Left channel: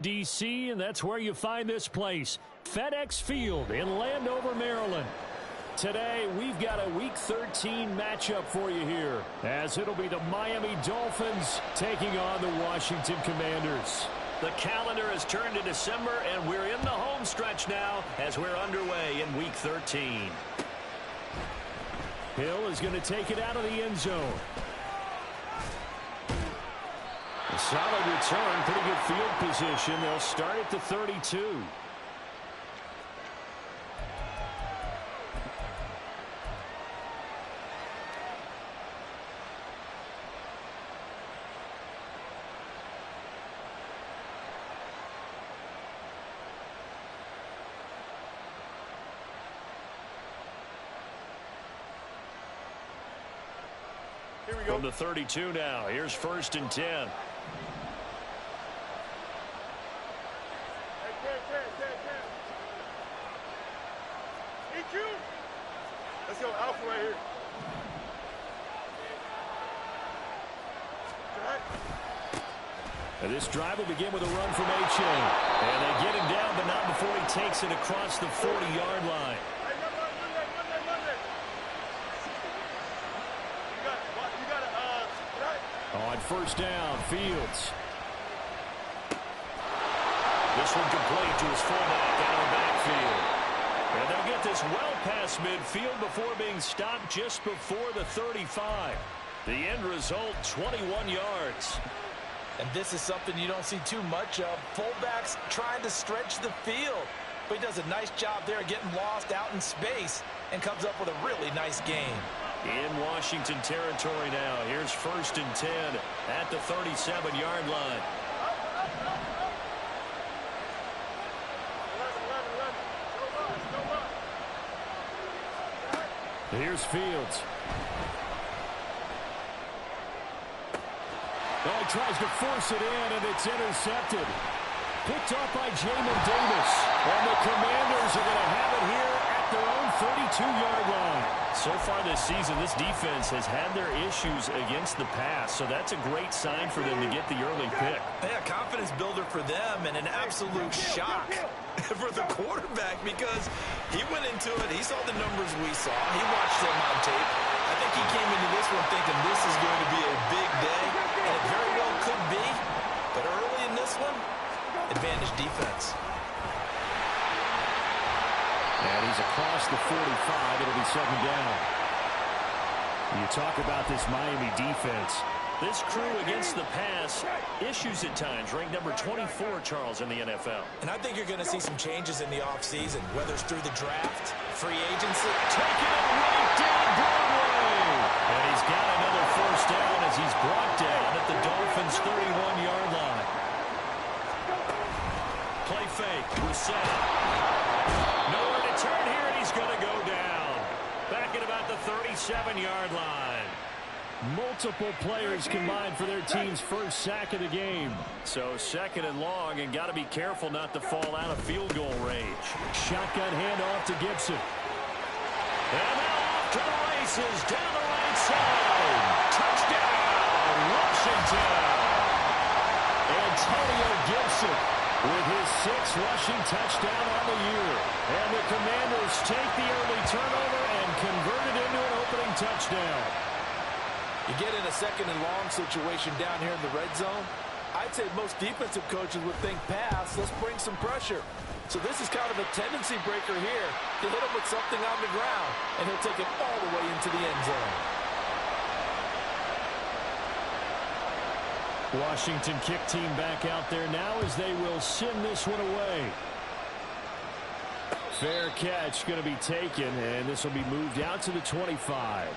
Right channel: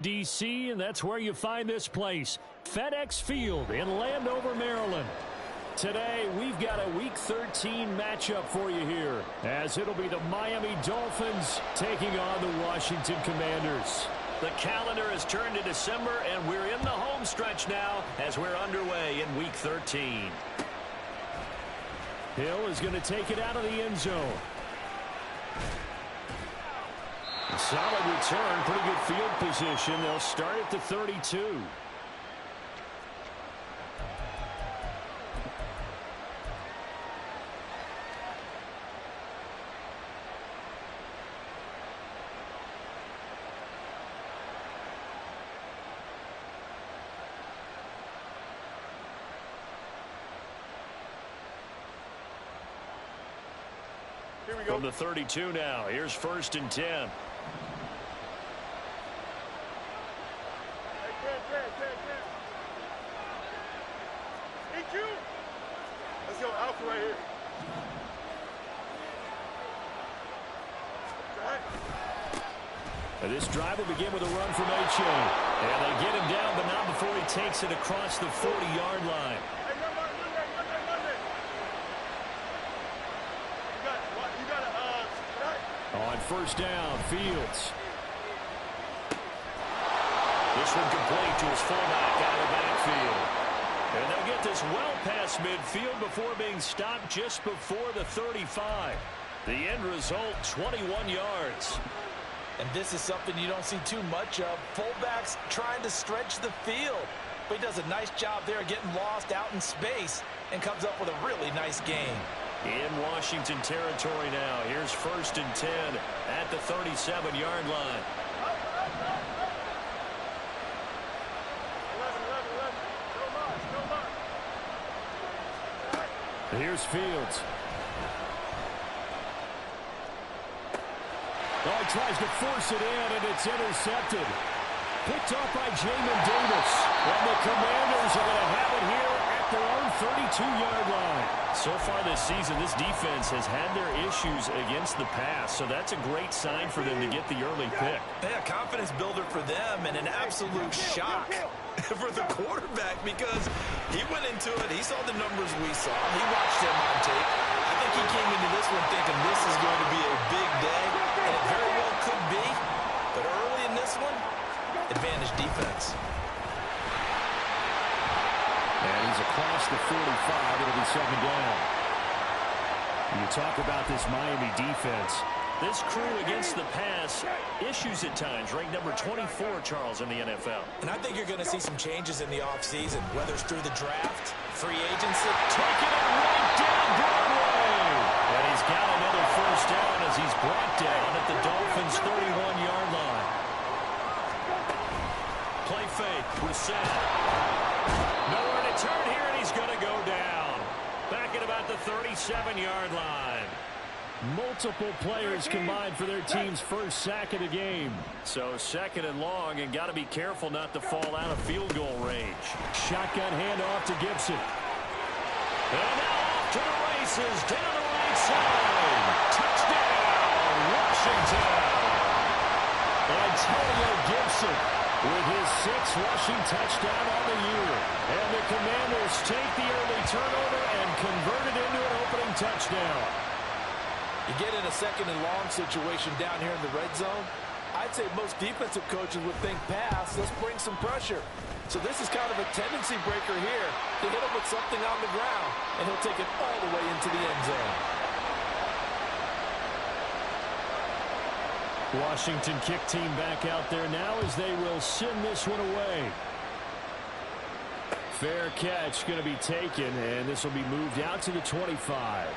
D.C., and that's where you find this place, FedEx Field in Landover, Maryland. Today, we've got a Week 13 matchup for you here, as it'll be the Miami Dolphins taking on the Washington Commanders. The calendar has turned to December, and we're in the home stretch now as we're underway in Week 13. Hill is going to take it out of the end zone. A solid return, pretty good field position. They'll start at the 32. Here we go. From the 32 now, here's 1st and 10. Let's go, Alpha right here. And this drive will begin with a run from H.A. And they get him down, but not before he takes it across the 40-yard line. On 1st down, Fields. This one complete to his fullback out of the backfield. And they'll get this well past midfield before being stopped just before the 35. The end result, 21 yards. And this is something you don't see too much of. Fullbacks trying to stretch the field. But he does a nice job there getting lost out in space and comes up with a really nice gain. In Washington territory now. Here's 1st and 10 at the 37-yard line. Here's Fields. Oh, he tries to force it in, and it's intercepted. Picked off by Jamin Davis. And the Commanders are going to have it here at their own 32-yard line. So far this season, this defense has had their issues against the pass, so that's a great sign for them to get the early pick. Yeah, confidence builder for them and an absolute shock for the quarterback because he went into it. He saw the numbers we saw. He watched them on tape. I think he came into this one thinking this is going to be a big day, and it very well could be. But early in this one, advantage defense. And he's across the 45. It'll be 2nd down. You talk about this Miami defense. This crew against the pass, issues at times, ranked number 24, Charles, in the NFL. And I think you're going to see some changes in the offseason, whether it's through the draft, free agency. Taking it right down Broadway. And he's got another 1st down as he's brought down at the Dolphins' 31-yard line. Play fake, Brissett. Nowhere to turn here, and he's going to go down. Back at about the 37-yard line. Multiple players combined for their team's 1st sack of the game. So 2nd and long, and got to be careful not to fall out of field goal range. Shotgun handoff to Gibson. And now off to the races, down the right side. Touchdown, Washington. Antonio Gibson with his 6th rushing touchdown on the year. And the Commanders take the early turnover and convert it into an opening touchdown. You get in a 2nd and long situation down here in the red zone, I'd say most defensive coaches would think pass, let's bring some pressure. So this is kind of a tendency breaker here to hit him with something on the ground, and he'll take it all the way into the end zone. Washington kick team back out there now as they will send this one away. Fair catch going to be taken, and this will be moved out to the 25.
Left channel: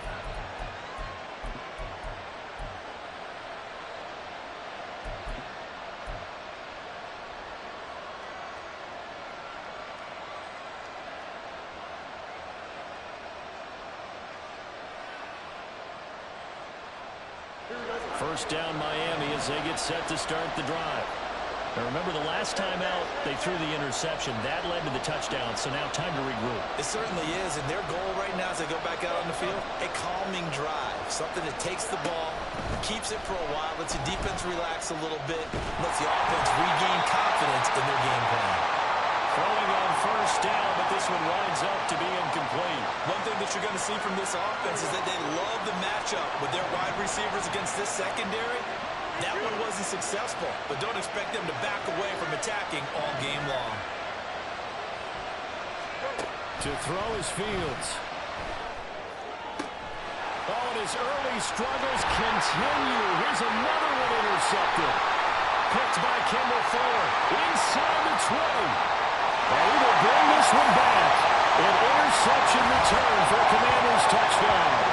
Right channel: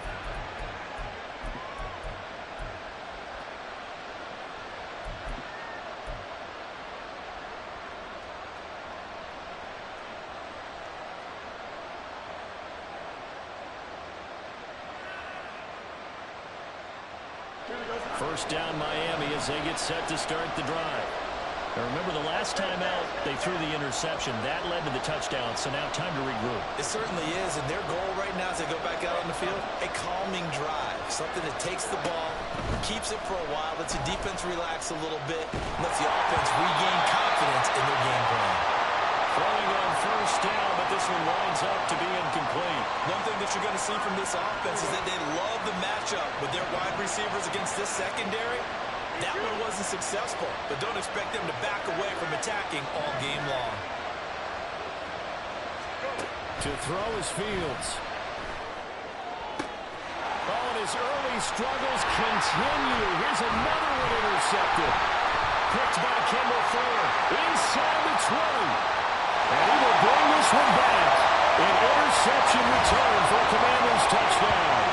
First down Miami as they get set to start the drive. Now remember, the last time out, they threw the interception. That led to the touchdown, so now time to regroup. It certainly is, and their goal right now as they go back out on the field, a calming drive, something that takes the ball, keeps it for a while, lets the defense relax a little bit, lets the offense regain confidence in their game plan. Throwing on first down, but this one winds up to be incomplete. One thing that you're going to see from this offense is that they love the matchup with their wide receivers against this secondary. That one wasn't successful, but don't expect them to back away from attacking all game long. To throw is Fields. Oh, and his early struggles continue. Here's another one intercepted. Picked by Kendall Fuller. Inside the 20. And he will bring this one back. An interception return for a Commanders touchdown.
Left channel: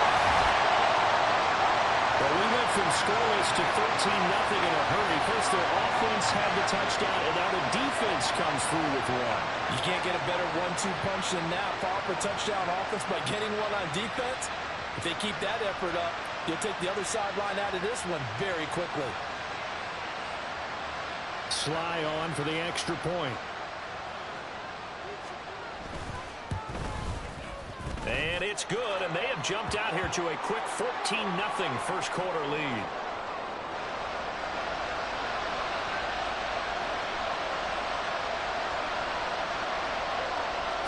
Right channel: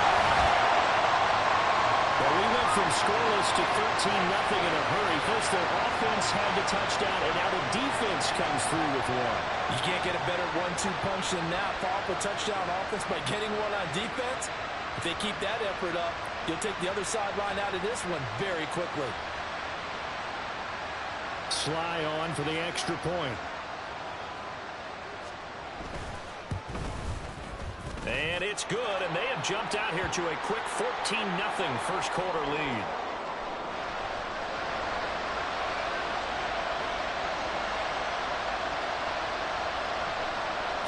Well, we went from scoreless to 13-0 in a hurry. First, their offense had the touchdown, and now the defense comes through with one. You can't get a better 1-2 punch than that. Follow up a touchdown offense by getting one on defense. If they keep that effort up, you'll take the other sideline out of this one very quickly. Sly on for the extra point. And it's good, and they have jumped out here to a quick 14-0 first quarter lead.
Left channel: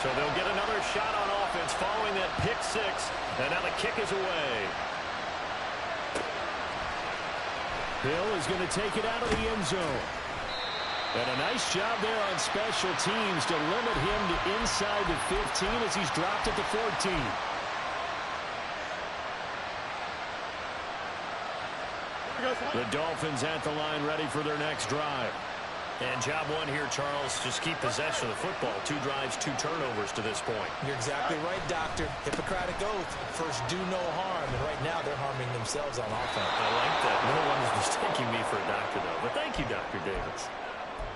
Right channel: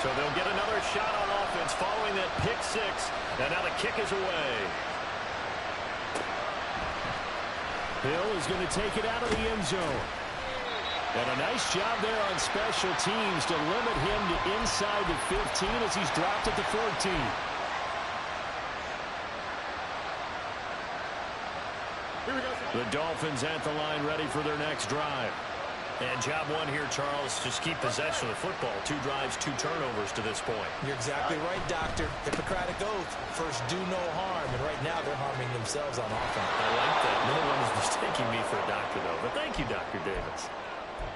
So they'll get another shot on offense following that pick six, and now the kick is away. Hill is going to take it out of the end zone. And a nice job there on special teams to limit him to inside the 15 as he's dropped at the 14. The Dolphins at the line ready for their next drive. And job one here, Charles, just keep possession of the football. 2 drives, 2 turnovers to this point. You're exactly right, Doctor. Hippocratic oath. First, do no harm. And right now, they're harming themselves on offense. I like that. No one is mistaking me for a doctor, though. But thank you, Dr. Davis.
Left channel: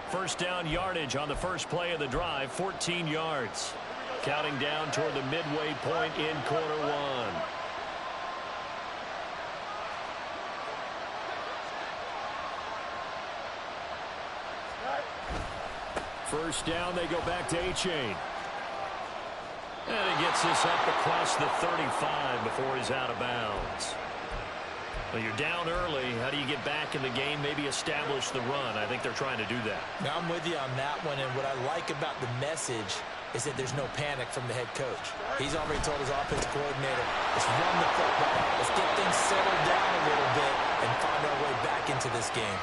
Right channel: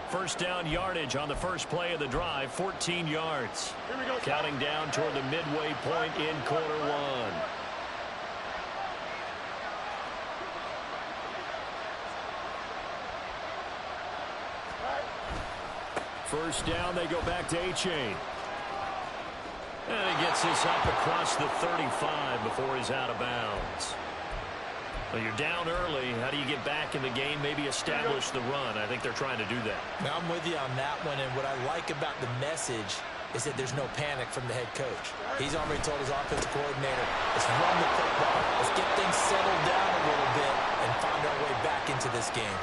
First down yardage on the first play of the drive, 14 yards. Counting down toward the midway point in quarter one. First down, they go back to A-Chain. And he gets this up across the 35 before he's out of bounds. Well, you're down early. How do you get back in the game? Maybe establish the run. I think they're trying to do that. Now, I'm with you on that one, and what I like about the message is that there's no panic from the head coach. He's already told his offensive coordinator, let's run the football. Let's get things settled down a little bit and find our way back into this game.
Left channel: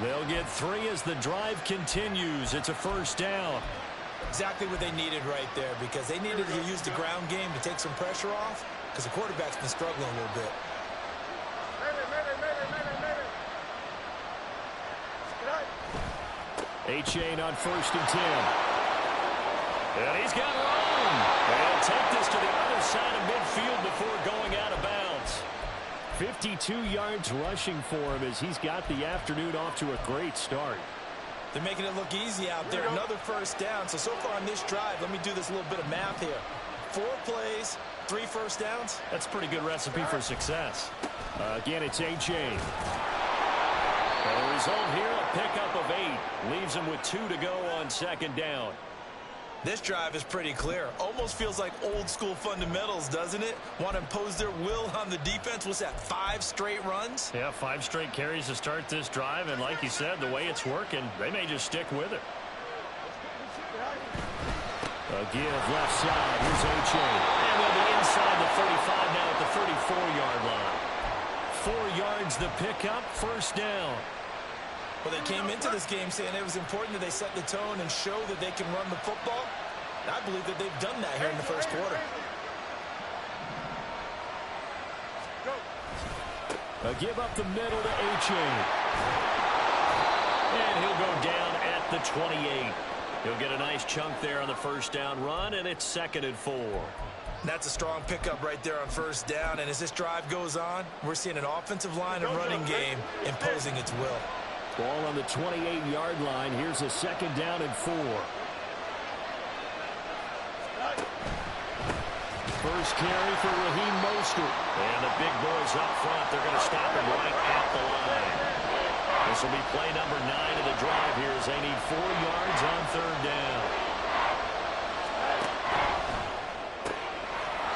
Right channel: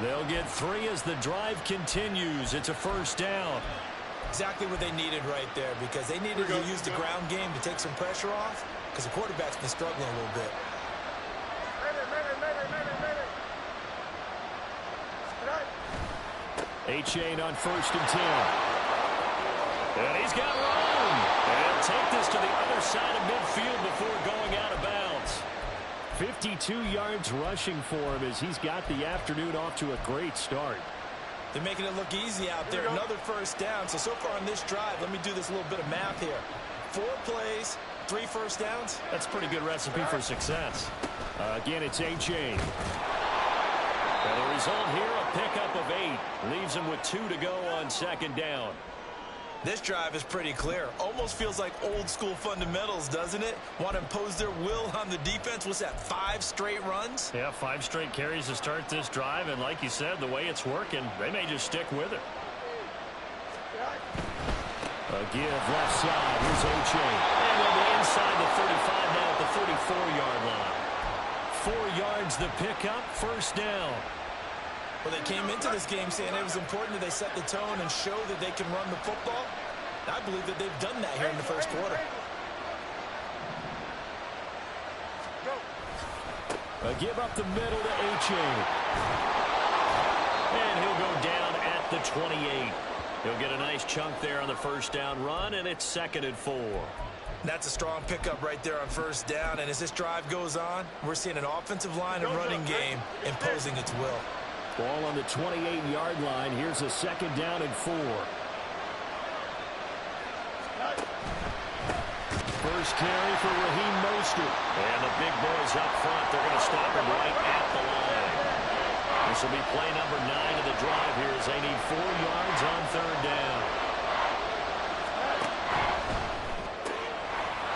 They'll get 3 as the drive continues. It's a first down. Exactly what they needed right there, because they needed to use the ground game to take some pressure off, because the quarterback's been struggling a little bit. A-Chain on 1st and 10. And he's got room. And he'll take this to the other side of midfield before going out of bounds. 52 yards rushing for him as he's got the afternoon off to a great start. They're making it look easy out there. Another first down. So far on this drive, let me do this little bit of math here. 4 plays, 3 first downs. That's a pretty good recipe for success. Again, it's A-Chain. And the result here, a pickup of 8. Leaves him with 2 to go on 2nd down. This drive is pretty clear. Almost feels like old school fundamentals, doesn't it? Want to impose their will on the defense. What's that, 5 straight runs? Yeah, 5 straight carries to start this drive. And like you said, the way it's working, they may just stick with it. A give left side. Here's A-Chain. And they'll be inside the 35 now at the 34-yard line. 4 yards the pickup, first down. Well, they came into this game saying it was important that they set the tone and show that they can run the football. I believe that they've done that here in the first quarter. A give up the middle to A-Chain. And he'll go down at the 28. He'll get a nice chunk there on the first down run, and it's 2nd and 4. That's a strong pickup right there on first down. And as this drive goes on, we're seeing an offensive line and running game imposing its will. Ball on the 28-yard line. Here's a 2nd down and 4. First carry for Raheem Mostert. And the big boys up front, they're going to stop him right at the line. This will be play number 9 of the drive here as they need 4 yards on 3rd down.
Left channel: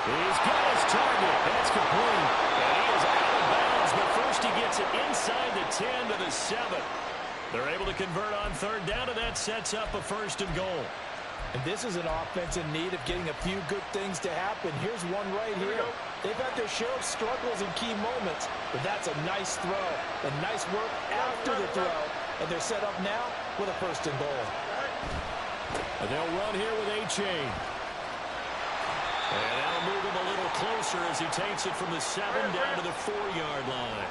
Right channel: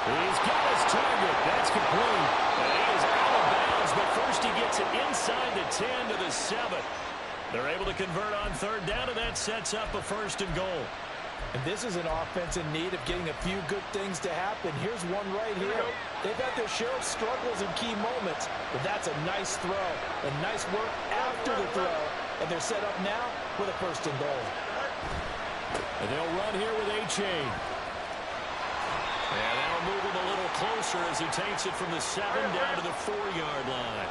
He's got his target. That's complete. And he is out of bounds but first he gets it inside the 10 to the 7. They're able to convert on third down, and that sets up a 1st and goal. And this is an offense in need of getting a few good things to happen. Here's one right here. They've had their share of struggles in key moments, but that's a nice throw and nice work after the throw. And they're set up now with a 1st and goal. And they'll run here with A-Chain. And that'll move him a little closer as he takes it from the 7 down to the 4-yard line.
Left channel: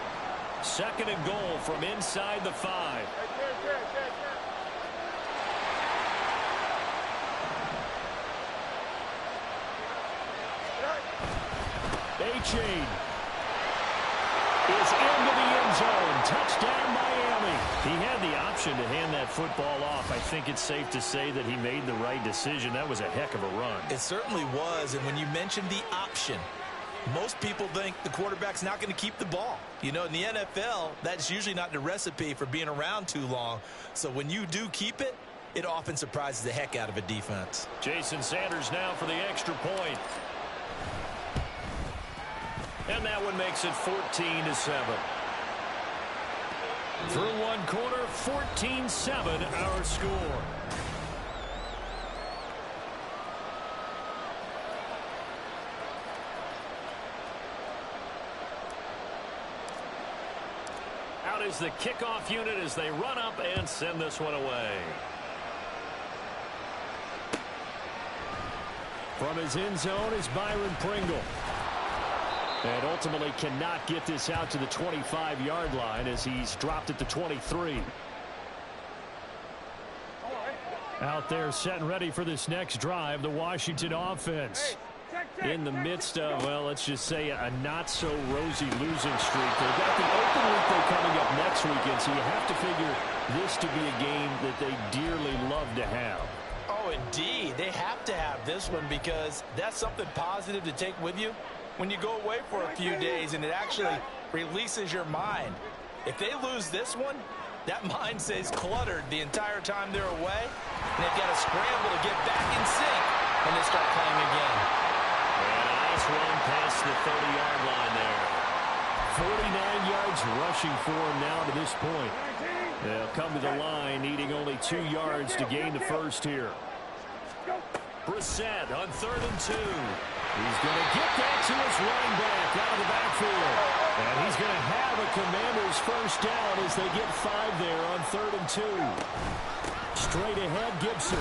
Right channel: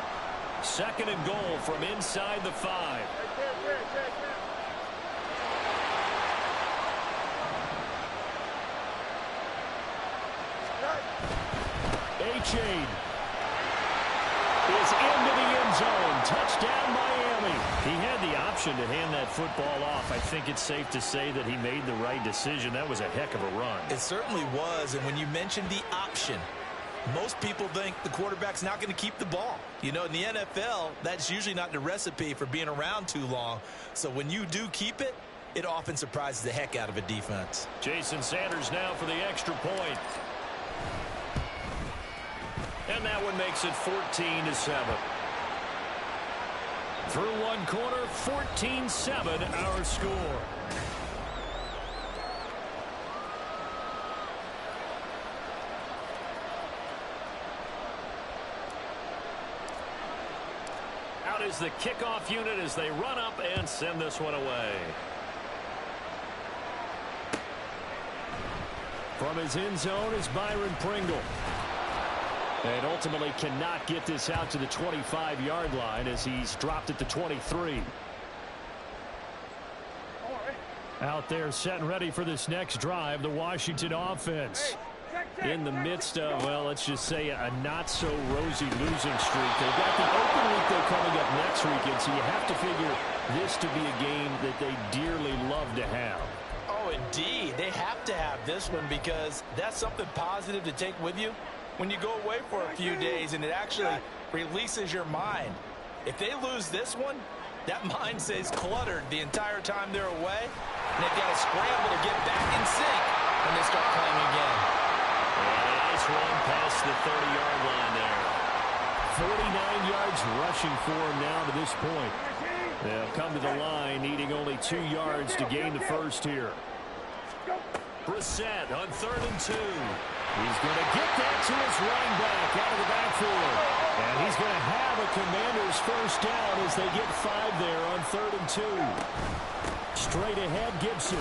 2nd and goal from inside the 5. A-Chain is into the end zone. Touchdown, Miami. He had the option to hand that football off. I think it's safe to say that he made the right decision. That was a heck of a run. It certainly was. And when you mentioned the option, most people think the quarterback's not going to keep the ball. You know, in the NFL, that's usually not the recipe for being around too long. So when you do keep it, it often surprises the heck out of a defense. Jason Sanders now for the extra point. And that one makes it 14 to 7. Through one quarter, 14-7 our score. Out is the kickoff unit as they run up and send this one away. From his end zone is Byron Pringle. And ultimately cannot get this out to the 25-yard line as he's dropped at the 23. Out there set and ready for this next drive, the Washington offense. In the midst of, well, let's just say a not-so-rosy losing streak. They've got the open week though coming up next weekend, so you have to figure this to be a game that they dearly love to have. Oh, indeed. They have to have this one because that's something positive to take with you when you go away for a few days, and it actually releases your mind. If they lose this one, that mind stays cluttered the entire time they're away, and they've got to scramble to get back in sync when they start playing again. And a nice run past the 30-yard line there. 49 yards rushing for him now to this point. They'll come to the line needing only 2 yards to gain the first here. Brissett on 3rd and 2. He's going to get that to his running back out of the backfield. And he's going to have a Commanders first down as they get 5 there on 3rd and 2. Straight ahead, Gibson.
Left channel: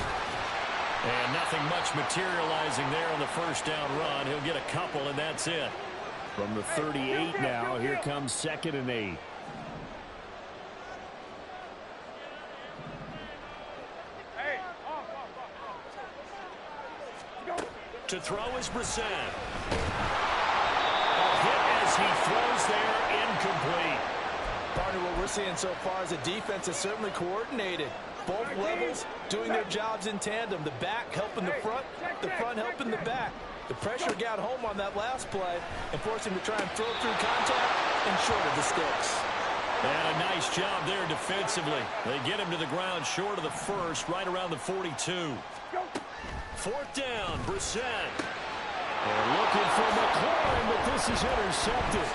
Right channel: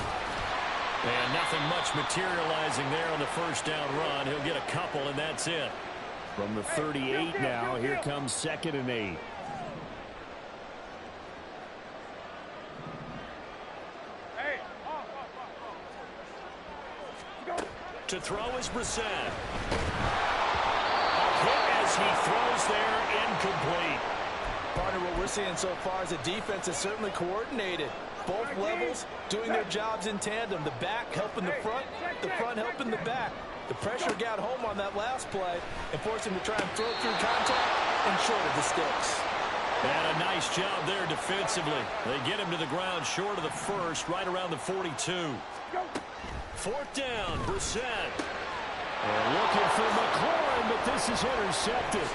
And nothing much materializing there on the first down run. He'll get a couple, and that's it. From the 38 now, here comes 2nd and 8. To throw is Brissett. A hit as he throws there, incomplete. Partner, what we're seeing so far is a defense that's certainly coordinated. Both levels doing their jobs in tandem. The back helping the front helping the back. The pressure got home on that last play and forced him to try and throw through contact and short of the sticks. And a nice job there defensively. They get him to the ground short of the first, right around the 42. 4th down, Brissett. And looking for McLaurin, but this is intercepted.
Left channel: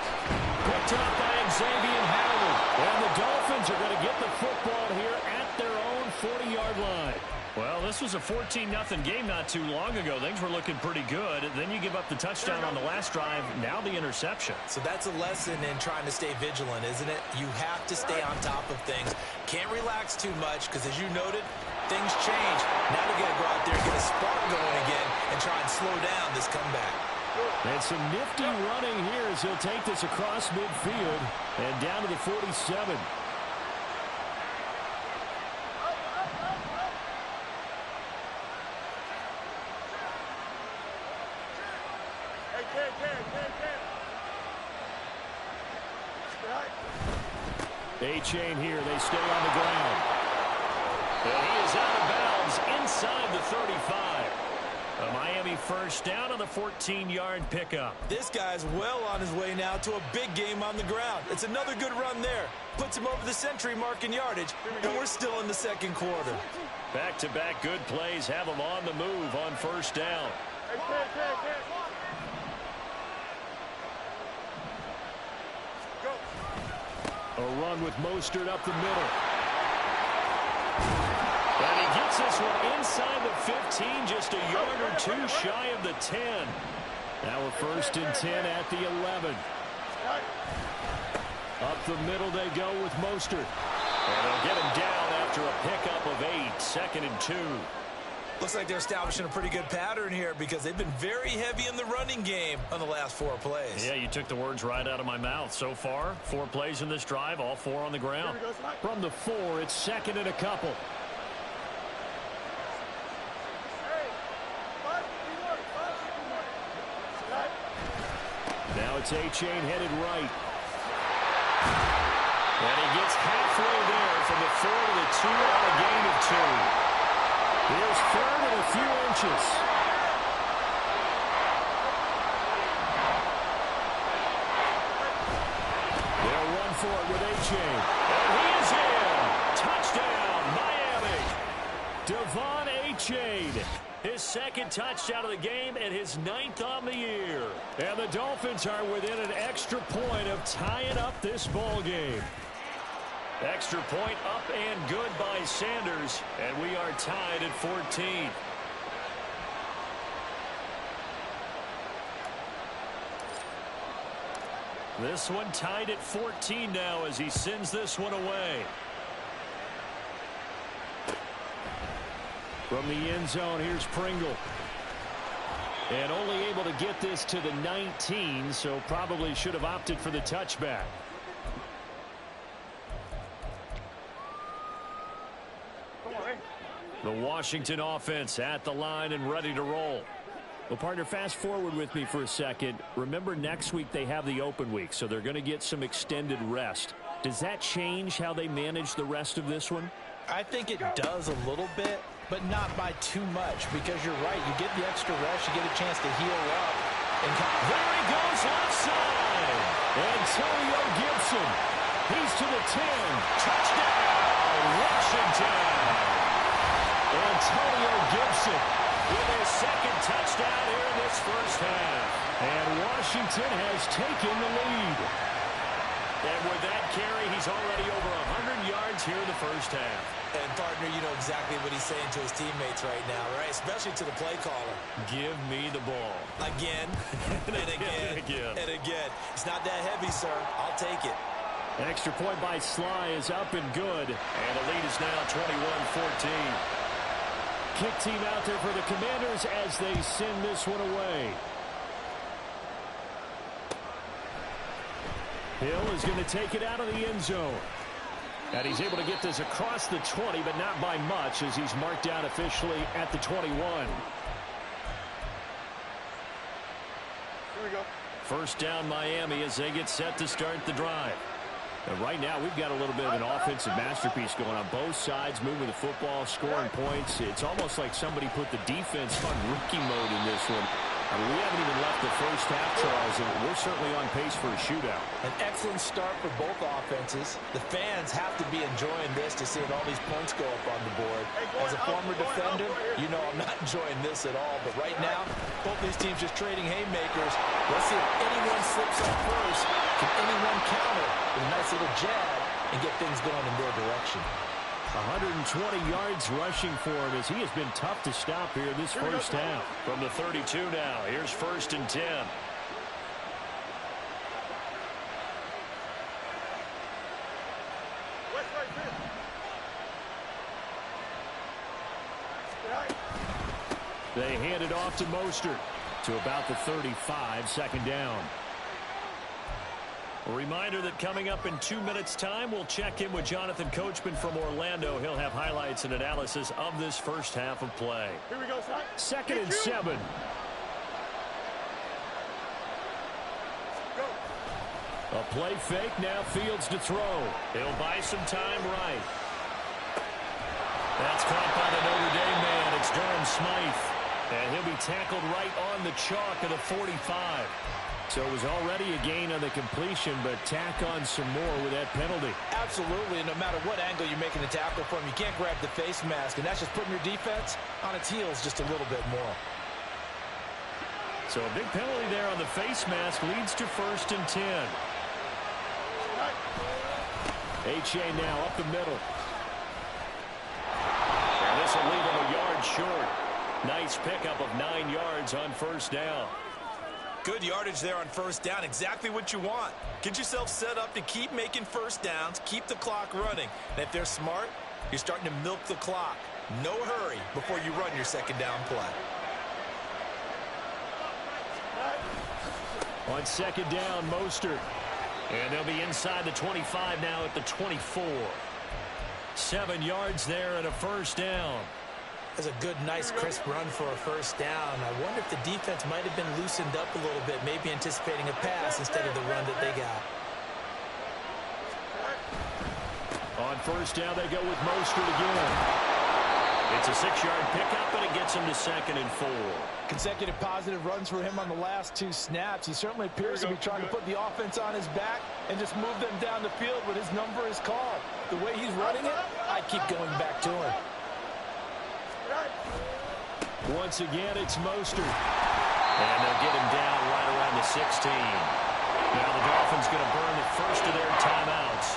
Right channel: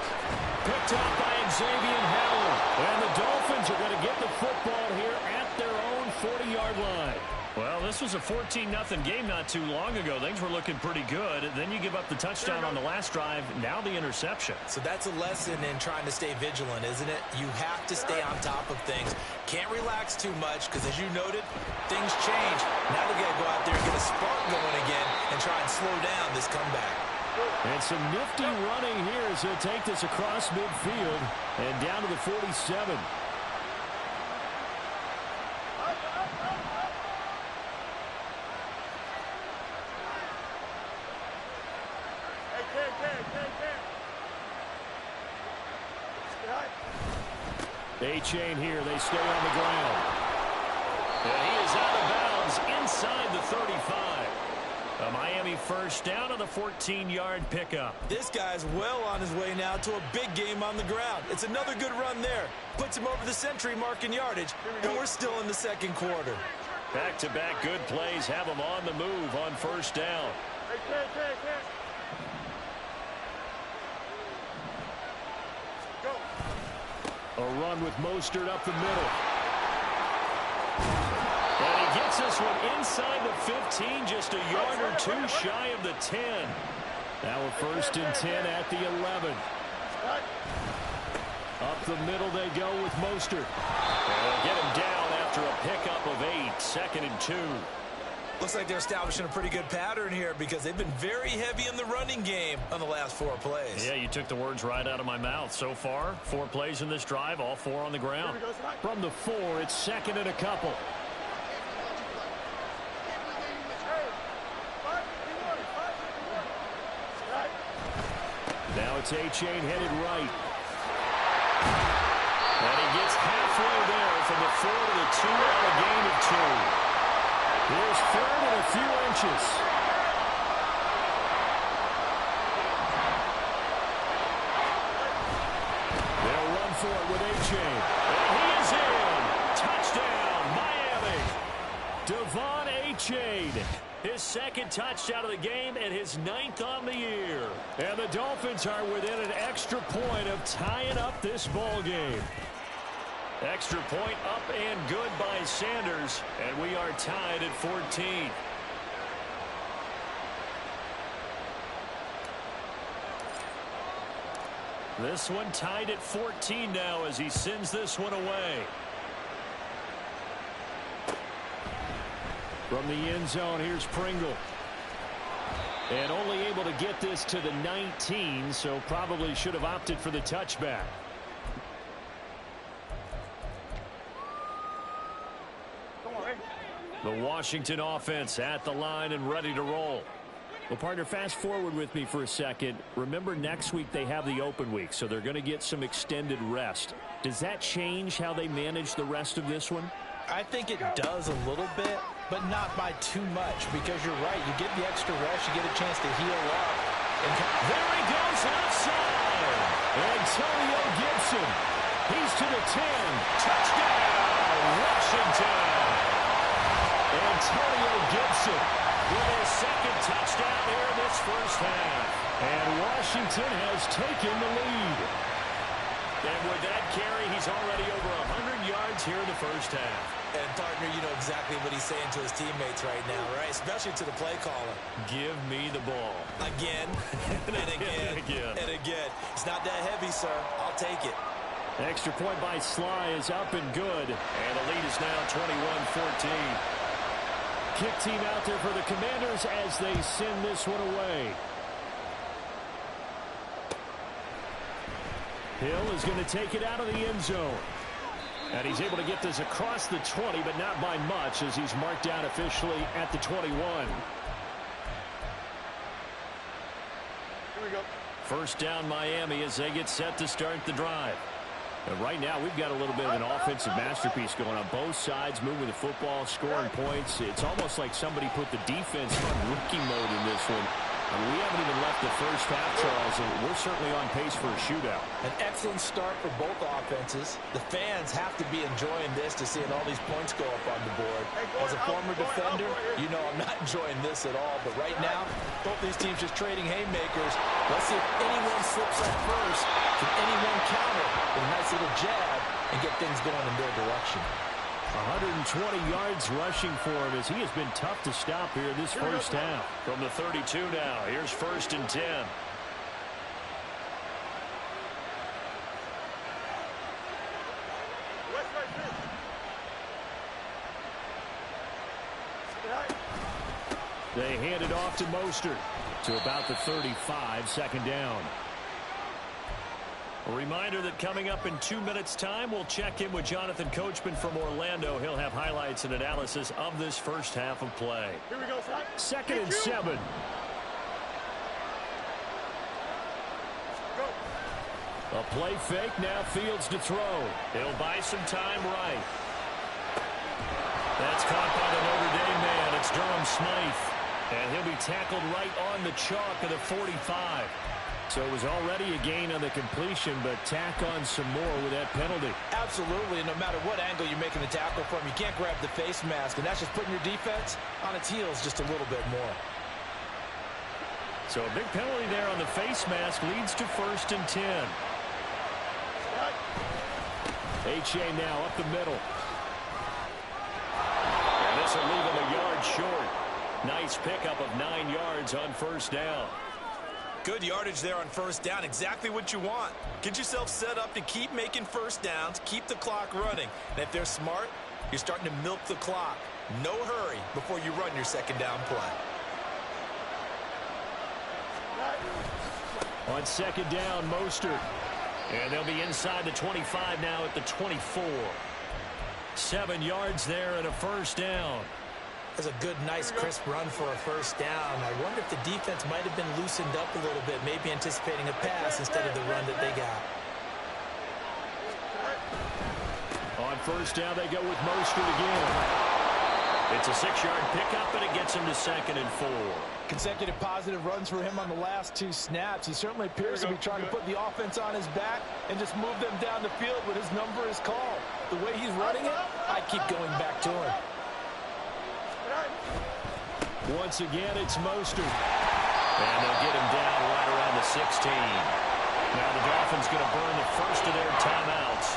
Picked up by Xavier Howard. And the Dolphins are going to get the football here at their own 40-yard line. Well, this was a 14-0 game not too long ago. Things were looking pretty good. Then you give up the touchdown on the last drive. Now the interception. So that's a lesson in trying to stay vigilant, isn't it? You have to stay on top of things. Can't relax too much because, as you noted, things change. Now they've got to go out there and get a spark going again and try and slow down this comeback. And some nifty running here as he'll take this across midfield and down to the 47. A-Chain here. They stay on the ground. And he is out of bounds inside the 35. A Miami first down on the 14-yard pickup. This guy's well on his way now to a big game on the ground. It's another good run there. Puts him over the century mark in yardage, and we're still in the second quarter. Back-to-back good plays have him on the move on first down. Go. A run with Mostert up the middle. And he gets this one inside the 15, just a yard or two shy of the 10. Now a 1st and 10 at the 11. Up the middle they go with Mostert. And they'll get him down after a pickup of 8, 2nd and 2. Looks like they're establishing a pretty good pattern here because they've been very heavy in the running game on the last 4 plays. Yeah, you took the words right out of my mouth. So far, 4 plays in this drive, all 4 on the ground. From the 4, it's 2nd and a couple. Now it's A-Chain headed right. And he gets halfway there from the 4 to the 2 on a gain of 2. Here's 3rd and a few inches. They'll run for it with A-Chain. And he is in. Touchdown, Miami. Devon A-Chain. His 2nd touchdown of the game and his 9th on the year. And the Dolphins are within an extra point of tying up this ball game. Extra point up and good by Sanders. And we are tied at 14. This one tied at 14 now as he sends this one away. From the end zone, here's Pringle. And only able to get this to the 19, so probably should have opted for the touchback. The Washington offense at the line and ready to roll. Well, partner, fast forward with me for a second. Remember, next week they have the open week, so they're going to get some extended rest. Does that change how they manage the rest of this one? I think it does a little bit, but not by too much, because you're right. You get the extra rest. You get a chance to heal up. And there he goes left side. Antonio Gibson. He's to the 10. Touchdown, Washington. Antonio Gibson with his 2nd touchdown here in this first half. And Washington has taken the lead. And with that carry, he's already over 100 yards here in the first half. And, partner, you know exactly what he's saying to his teammates right now, right? Especially to the play caller. Give me the ball. Again, and again, and again. It's not that heavy, sir. I'll take it. Extra point by Sly is up and good. And the lead is now 21-14. Kick team out there for the Commanders as they send this one away. Hill is going to take it out of the end zone. And he's able to get this across the 20, but not by much, as he's marked down officially at the 21. Here we go. First down, Miami, as they get set to start the drive. And right now, we've got a little bit of an offensive masterpiece going on both sides, moving the football, scoring points. It's almost like somebody put the defense on rookie mode in this one. I mean, we haven't even left the first half, Charles, and we're certainly on pace for a shootout. An excellent start for both offenses. The fans have to be enjoying this to seeing all these points go up on the board. As a former defender, you know I'm not enjoying this at all. But right now, both these teams just trading haymakers. Let's see if anyone slips up first. Can anyone counter with a nice little jab and get things going in their direction? 120 yards rushing for him as he has been tough to stop here this first half. From the 32 now, here's 1st and 10. They hand it off to Mostert to about the 35, 2nd down. A reminder that coming up in 2 minutes' time, we'll check in with Jonathan Coachman from Orlando. He'll have highlights and analysis of this first half of play. Here we go, son. 2nd and 7. Go. A play fake, now Fields to throw. He'll buy some time right. That's caught by the Notre Dame man. It's Durham Smythe. And he'll be tackled right on the chalk of the 45. So it was already a gain on the completion, but tack on some more with that penalty. Absolutely. No matter what angle you're making the tackle from, you can't grab the face mask, and that's just putting your defense on its heels just a little bit more. So a big penalty there on the face mask leads to 1st and 10. H.A. now up the middle. And this will leave him a yard short. Nice pickup of 9 yards on first down. Good yardage there on first down. Exactly what you want. Get yourself set up to keep making first downs, keep the clock running. And if they're smart, you're starting to milk the clock. No hurry before you run your second down play. On second down, Mostert. And they'll be inside the 25 now at the 24. 7 yards there and a first down. That's a good, nice, crisp run for a first down. I wonder if the defense might have been loosened up a little bit, maybe anticipating a pass instead of the run that they got. On first down, they go with Mostert again. It's a 6-yard pickup, and it gets him to 2nd and 4. Consecutive positive runs for him on the last 2 snaps. He certainly appears to be trying to put the offense on his back and just move them down the field when his number is called. The way he's running it, I keep going back to him. Once again, it's Mostert. And they'll get him down right around the 16. Now the Dolphins going to burn the first of their timeouts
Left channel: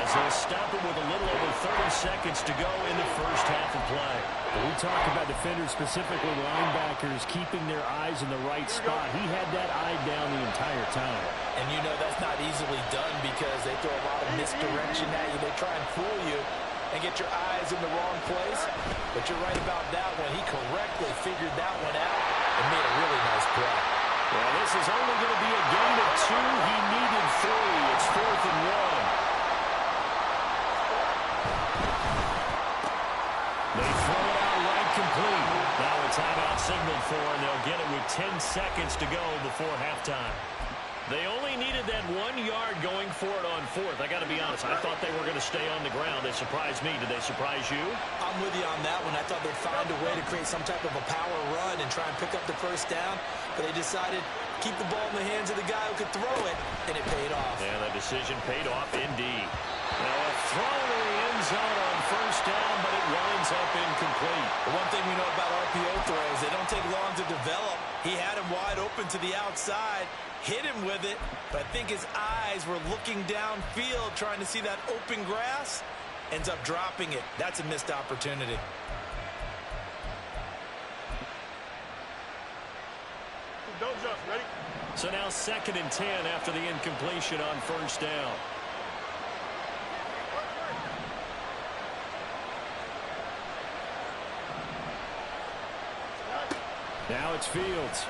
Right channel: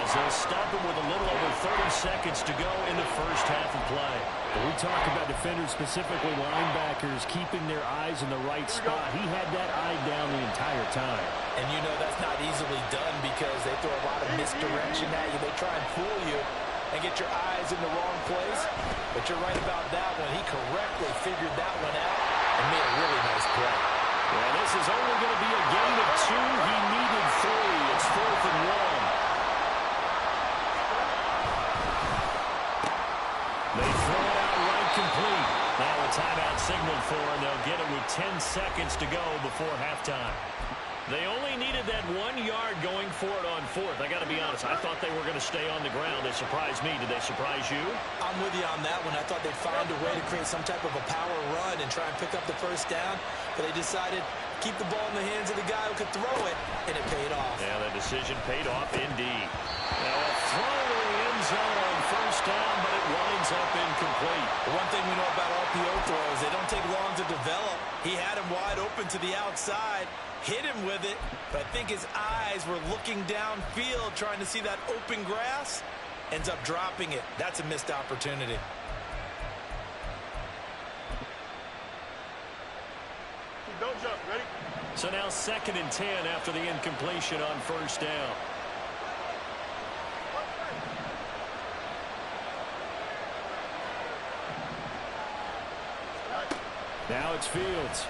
as they'll stop it with a little over 30 seconds to go in the first half of play. When we talk about defenders, specifically linebackers, keeping their eyes in the right spot. He had that eye down the entire time. And you know that's not easily done because they throw a lot of misdirection at you. They try and fool you and get your eyes in the wrong place. But you're right about that one. He correctly figured that one out and made a really nice play. Well, this is only going to be a gain of 2. He needed 3. It's 4th and 1. They throw it out right complete. Now a timeout signaled for, and they'll get it with 10 seconds to go before halftime. They only needed that 1 yard going for it on 4th. I got to be honest, I thought they were going to stay on the ground. They surprised me. Did they surprise you? I'm with you on that one. I thought they'd find a way to create some type of a power run and try and pick up the first down, but they decided to keep the ball in the hands of the guy who could throw it, and it paid off. Yeah, the decision paid off indeed. Now a throw to the end zone on first down, but it winds up incomplete. The one thing we know about RPO throws, they don't take long to develop. He had him wide open to the outside, hit him with it, but I think his eyes were looking downfield trying to see that open grass, ends up dropping it. That's a missed opportunity. Don't jump. Ready? So now 2nd and 10 after the incompletion on first down. Now it's Fields.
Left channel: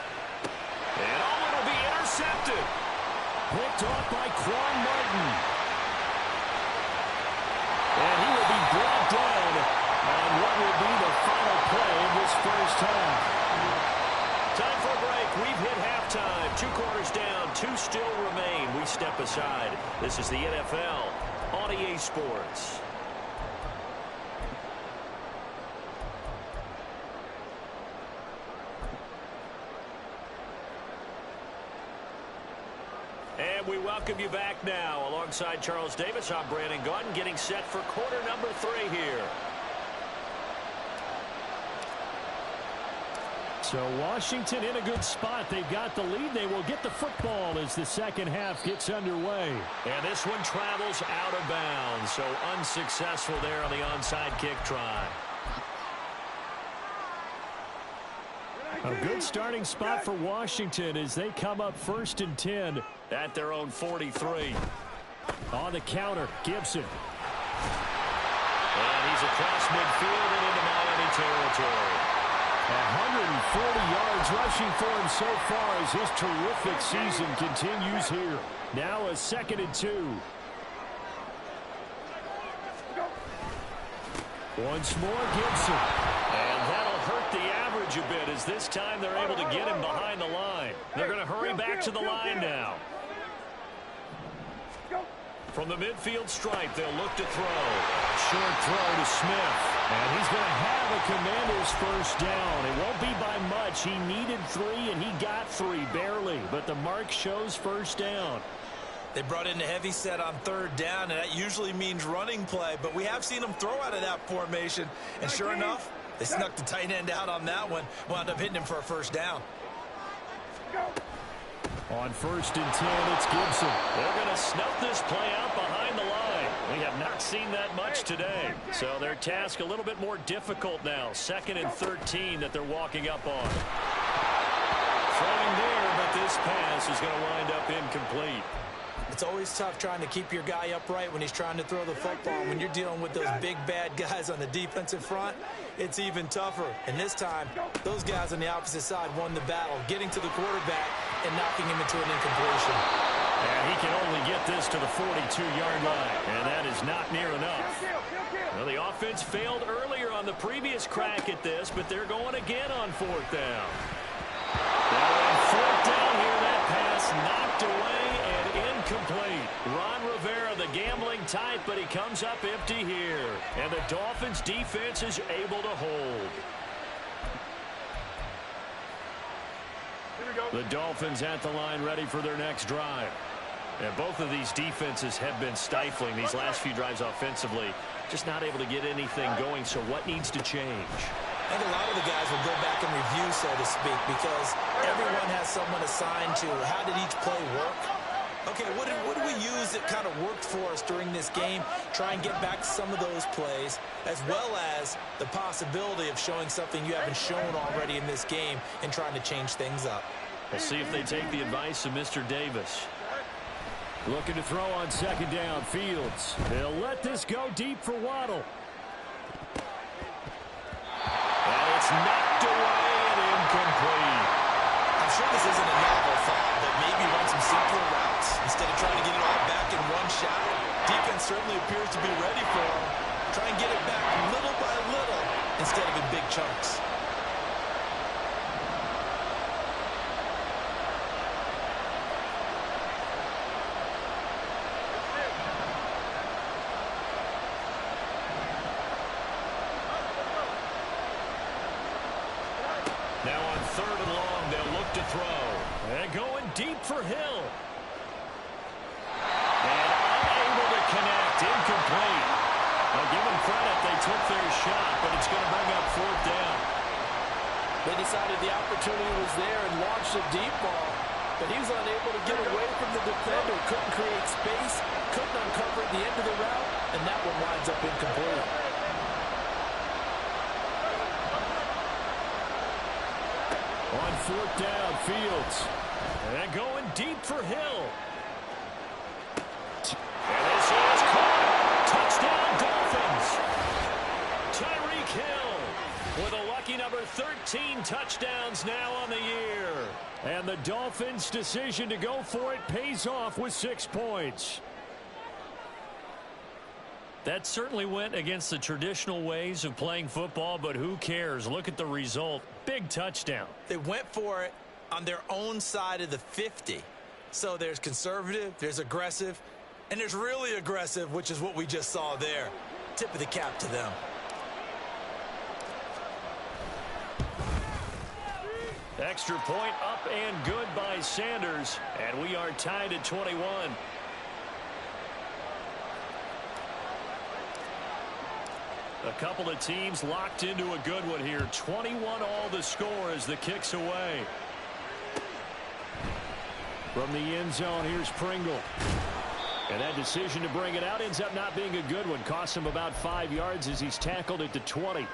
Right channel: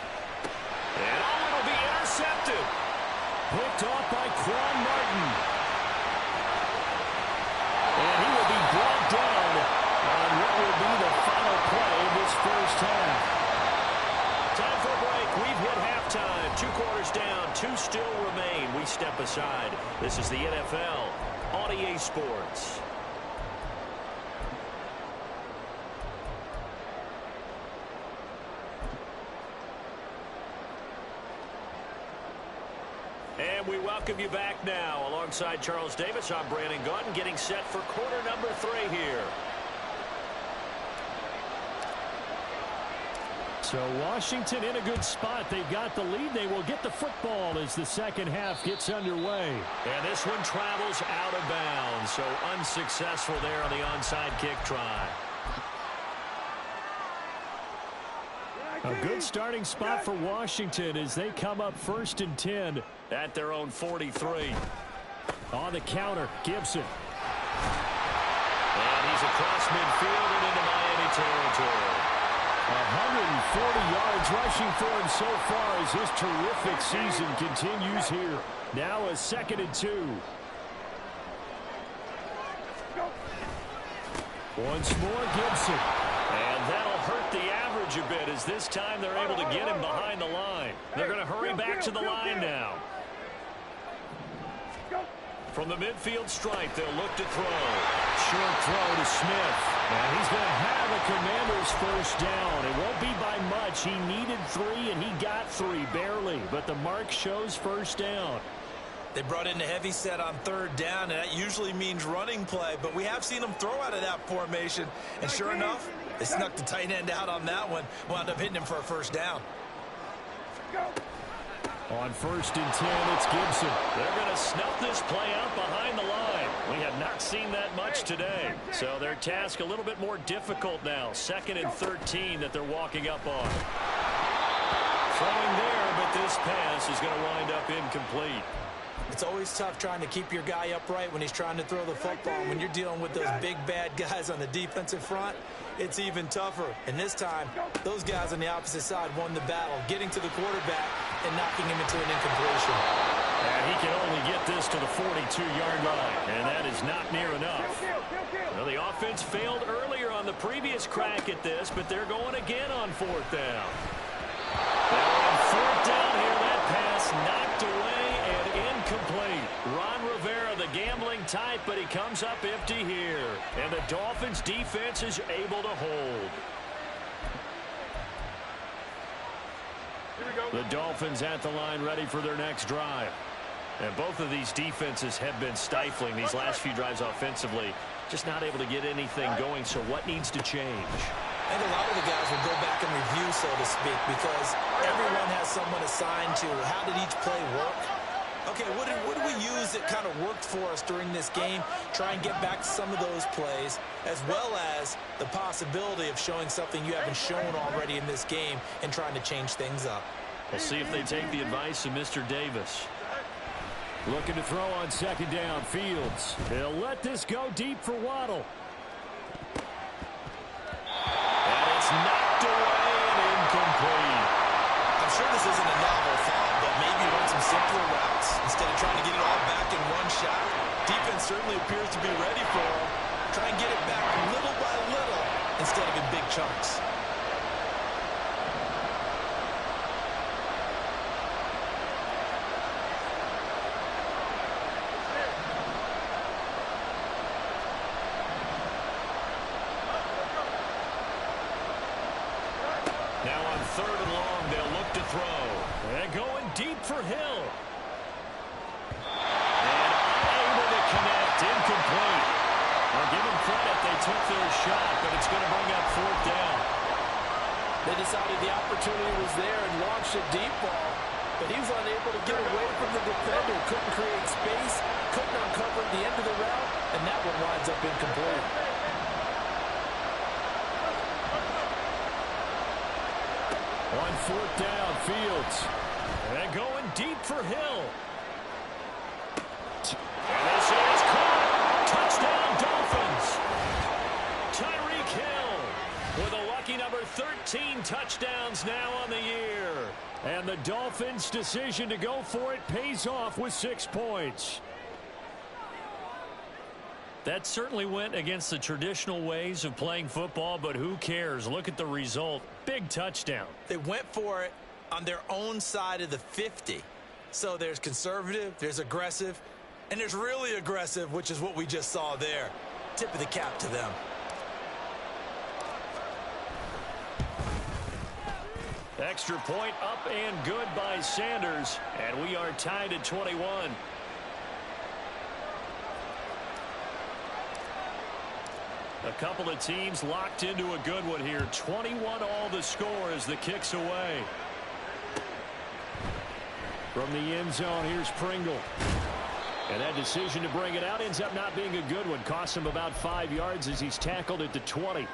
And it'll be intercepted. Picked off by Quan Martin. And he will be brought down on what will be the final play of this first half. Time for a break. We've hit halftime. 2 quarters down. 2 still remain. We step aside. This is the NFL on EA Sports. And we welcome you back now. Alongside Charles Davis, I'm Brandon Gaudin, getting set for quarter number 3 here. So Washington in a good spot. They've got the lead. They will get the football as the second half gets underway. And this one travels out of bounds. So unsuccessful there on the onside kick try. A good starting spot for Washington as they come up 1st and 10 at their own 43. On the counter, Gibson. And he's across midfield and into Miami territory. 140 yards rushing for him so far as his terrific season continues here. Now a 2nd and 2. Once more, Gibson. And that'll hurt the average a bit as this time they're able to get him behind the line. They're going to hurry back to the line now. From the midfield stripe, they'll look to throw. Short throw to Smith. And he's going to have a Commander's first down. It won't be by much. He needed 3, and he got 3, barely. But the mark shows first down. They brought in the heavy set on 3rd down, and that usually means running play. But we have seen them throw out of that formation. And sure enough, they snuck the tight end out on that one. Wound up hitting him for a first down. On 1st and 10, it's Gibson. They're going to snuff this play out behind the line. We have not seen that much today. So their task a little bit more difficult now. 2nd and 13 that they're walking up on. Throwing there, but this pass is going to wind up incomplete. It's always tough trying to keep your guy upright when he's trying to throw the football. When you're dealing with those big, bad guys on the defensive front, it's even tougher. And this time, those guys on the opposite side won the battle, getting to the quarterback and knocking him into an incompletion. And he can only get this to the 42-yard line, and that is not near enough. Well, the offense failed earlier on the previous crack at this, but they're going again on 4th down. Now on 4th down here, that pass knocked away and incomplete. Ron Rivera, the gambling type, but he comes up empty here. And the Dolphins defense is able to hold. The Dolphins at the line ready for their next drive. And both of these defenses have been stifling these last few drives offensively. Just not able to get anything going, so what needs to change? I think a lot of the guys will go back and review, so to speak, because everyone has someone assigned to how did each play work. Okay, what did we use that kind of worked for us during this game? Try and get back to some of those plays, as well as the possibility of showing something you haven't shown already in this game and trying to change things up. We'll see if they take the advice of Mr. Davis. Looking to throw on 2nd down. Fields. He'll let this go deep for Waddle. And it's knocked away and incomplete. I'm sure this isn't a novel thought, but maybe run some simpler routes instead of trying to get it all back in one shot. Defense certainly appears to be ready for him. Try and get it back little by little instead of in big chunks. Now on 3rd and long, they'll look to throw. And going deep for Hill. And unable to connect. Incomplete. Well, give them credit. They took their shot, but it's going to bring up 4th down. They decided the opportunity was there and launched a deep ball, but he was unable to get away from the defender. Couldn't create space, couldn't uncover the end of the route, and that one winds up incomplete. On 4th down, Fields. And going deep for Hill. And this is caught. Touchdown, Dolphins. Tyreek Hill with a lucky number 13 touchdowns now on the year. And the Dolphins' decision to go for it pays off with 6 points. That certainly went against the traditional ways of playing football, but who cares? Look at the result. Big touchdown. They went for it on their own side of the 50. So there's conservative, there's aggressive, and there's really aggressive, which is what we just saw there. Tip of the cap to them. Extra point up and good by Sanders, and we are tied at 21. A couple of teams locked into a good one here. 21 all the score as the kick's away. From the end zone, here's Pringle. And that decision to bring it out ends up not being a good one. Costs him about 5 yards as he's tackled at the 20.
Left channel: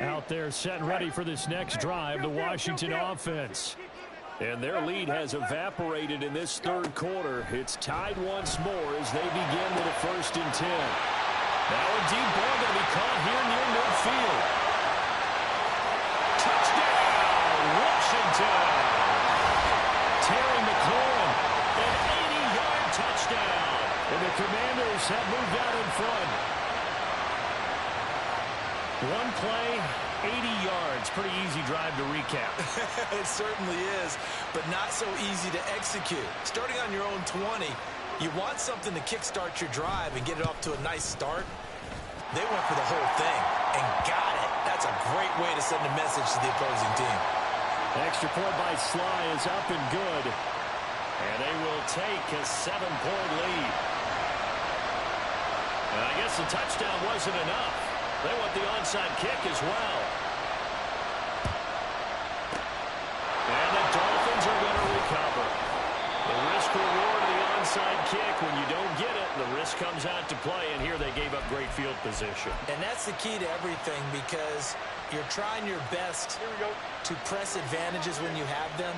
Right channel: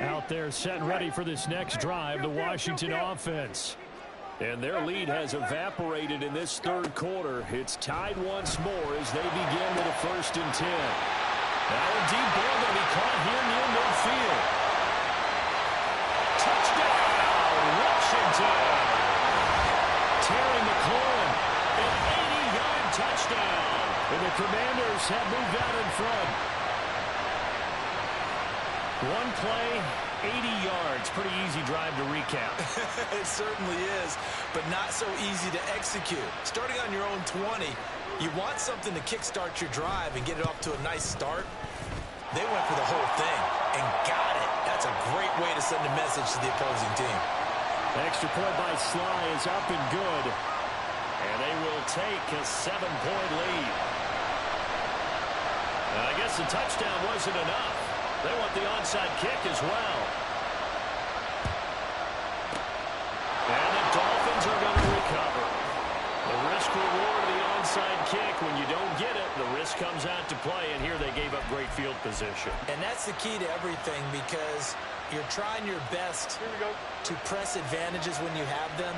Out there set and ready for this next drive, the Washington offense. And their lead has evaporated in this 3rd quarter. It's tied once more as they begin with a 1st and 10. Now a deep ball going to be caught here near midfield. Touchdown, Washington. Terry McLaurin, an 80-yard touchdown. And the Commanders have moved out in front. One play, 80 yards. Pretty easy drive to recap. It certainly is, but not so easy to execute. Starting on your own 20, you want something to kickstart your drive and get it off to a nice start. They went for the whole thing and got it. That's a great way to send a message to the opposing team. Extra point by Sly is up and good. And they will take a 7-point lead. And I guess the touchdown wasn't enough. They want the onside kick as well. The risk reward of the onside kick. When you don't get it, the risk comes out to play, and here they gave up great field position. And that's the key to everything, because you're trying your best to press advantages when you have them,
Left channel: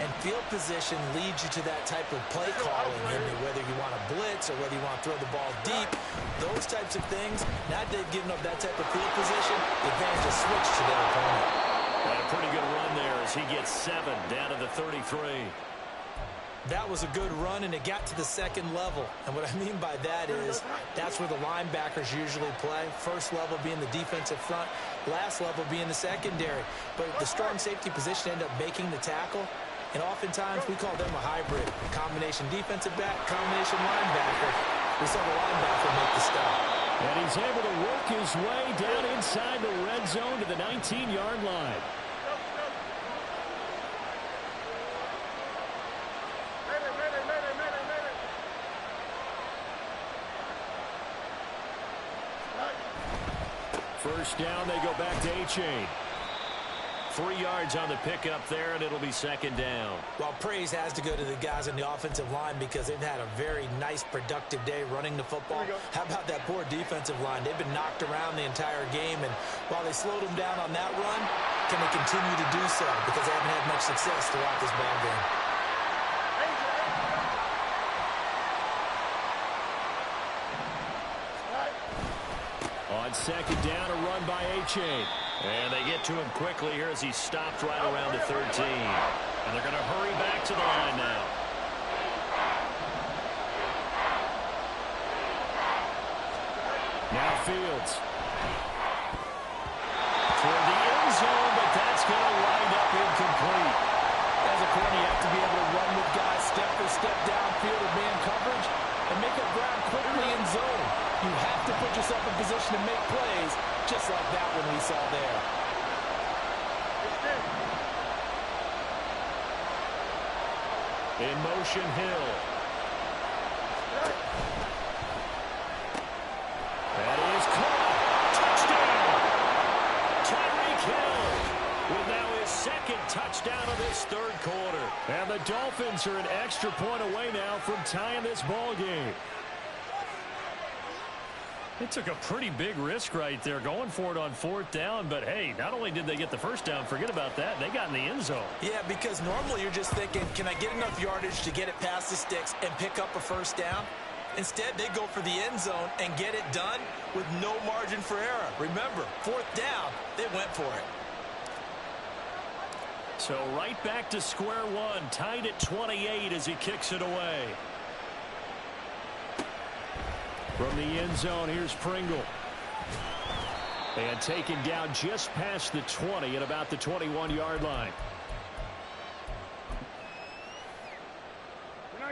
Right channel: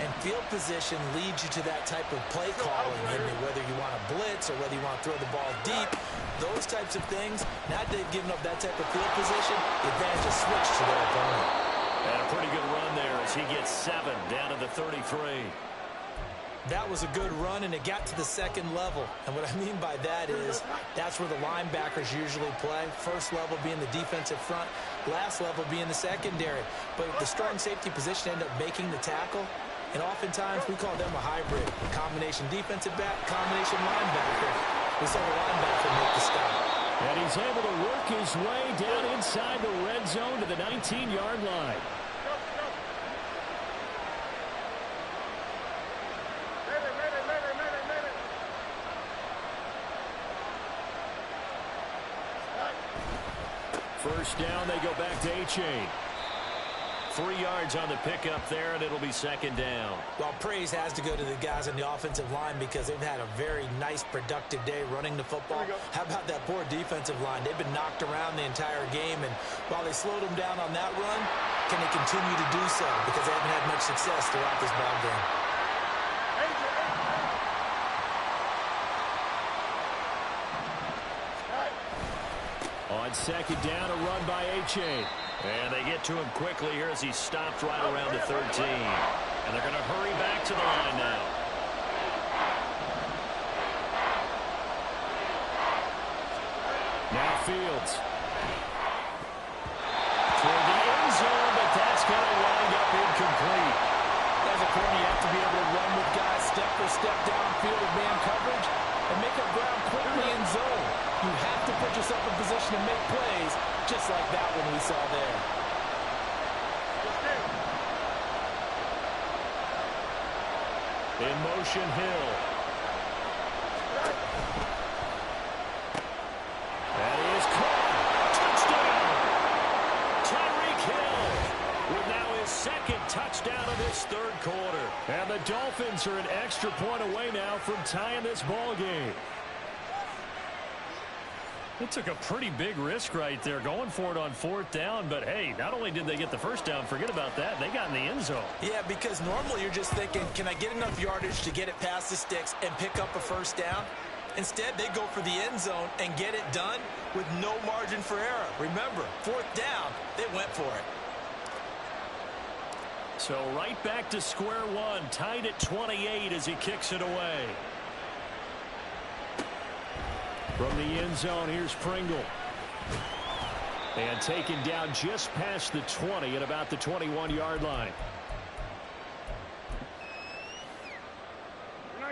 and field position leads you to that type of play calling, whether you want to blitz or whether you want to throw the ball deep. Those types of things, now that they've given up that type of field position, the advantage is switched to their opponent. And a pretty good run there as he gets 7 down to the 33. That was a good run, and it got to the second level. And what I mean by that is that's where the linebackers usually play. First level being the defensive front, last level being the secondary. But the strong safety position ended up making the tackle. And oftentimes we call them a hybrid. Combination defensive back, combination linebacker. We saw the linebacker make the stop. And he's able to work his way down inside the red zone to the 19-yard line. First down, they go back to Achane. 3 yards on the pickup there, and it'll be second down. Well, praise has to go to the guys on the offensive line because they've had a very nice, productive day running the football. How about that poor defensive line? They've been knocked around the entire game, and while they slowed them down on that run, can they continue to do so? Because they haven't had much success throughout this ball game. On second down, a run by Achane. And they get to him quickly here as he stopped right around the 13. And they're going to hurry back to the line now. Now Fields. Toward the end zone, but that's going to wind up incomplete. As a corner, you have to be able to run with guys step for step downfield with man coverage and make up ground quickly in zone. You have to put yourself in position to make plays, just like that one we saw there. In motion, Hill. That is caught. Touchdown. Tyreek Hill with now his second touchdown of this third quarter. And the Dolphins are an extra point away now from tying this ball game. They took a pretty big risk right there going for it on fourth down. But, hey, not only did they get the first down, forget about that, they got in the end zone. Yeah, because normally you're just thinking, can I get enough yardage to get it past the sticks and pick up a first down? Instead, they go for the end zone and get it done with no margin for error. Remember, fourth down, they went for it. So right back to square one, tied at 28 as he kicks it away. From the end zone, here's Pringle. And taken down just past the 20 at about the 21-yard line.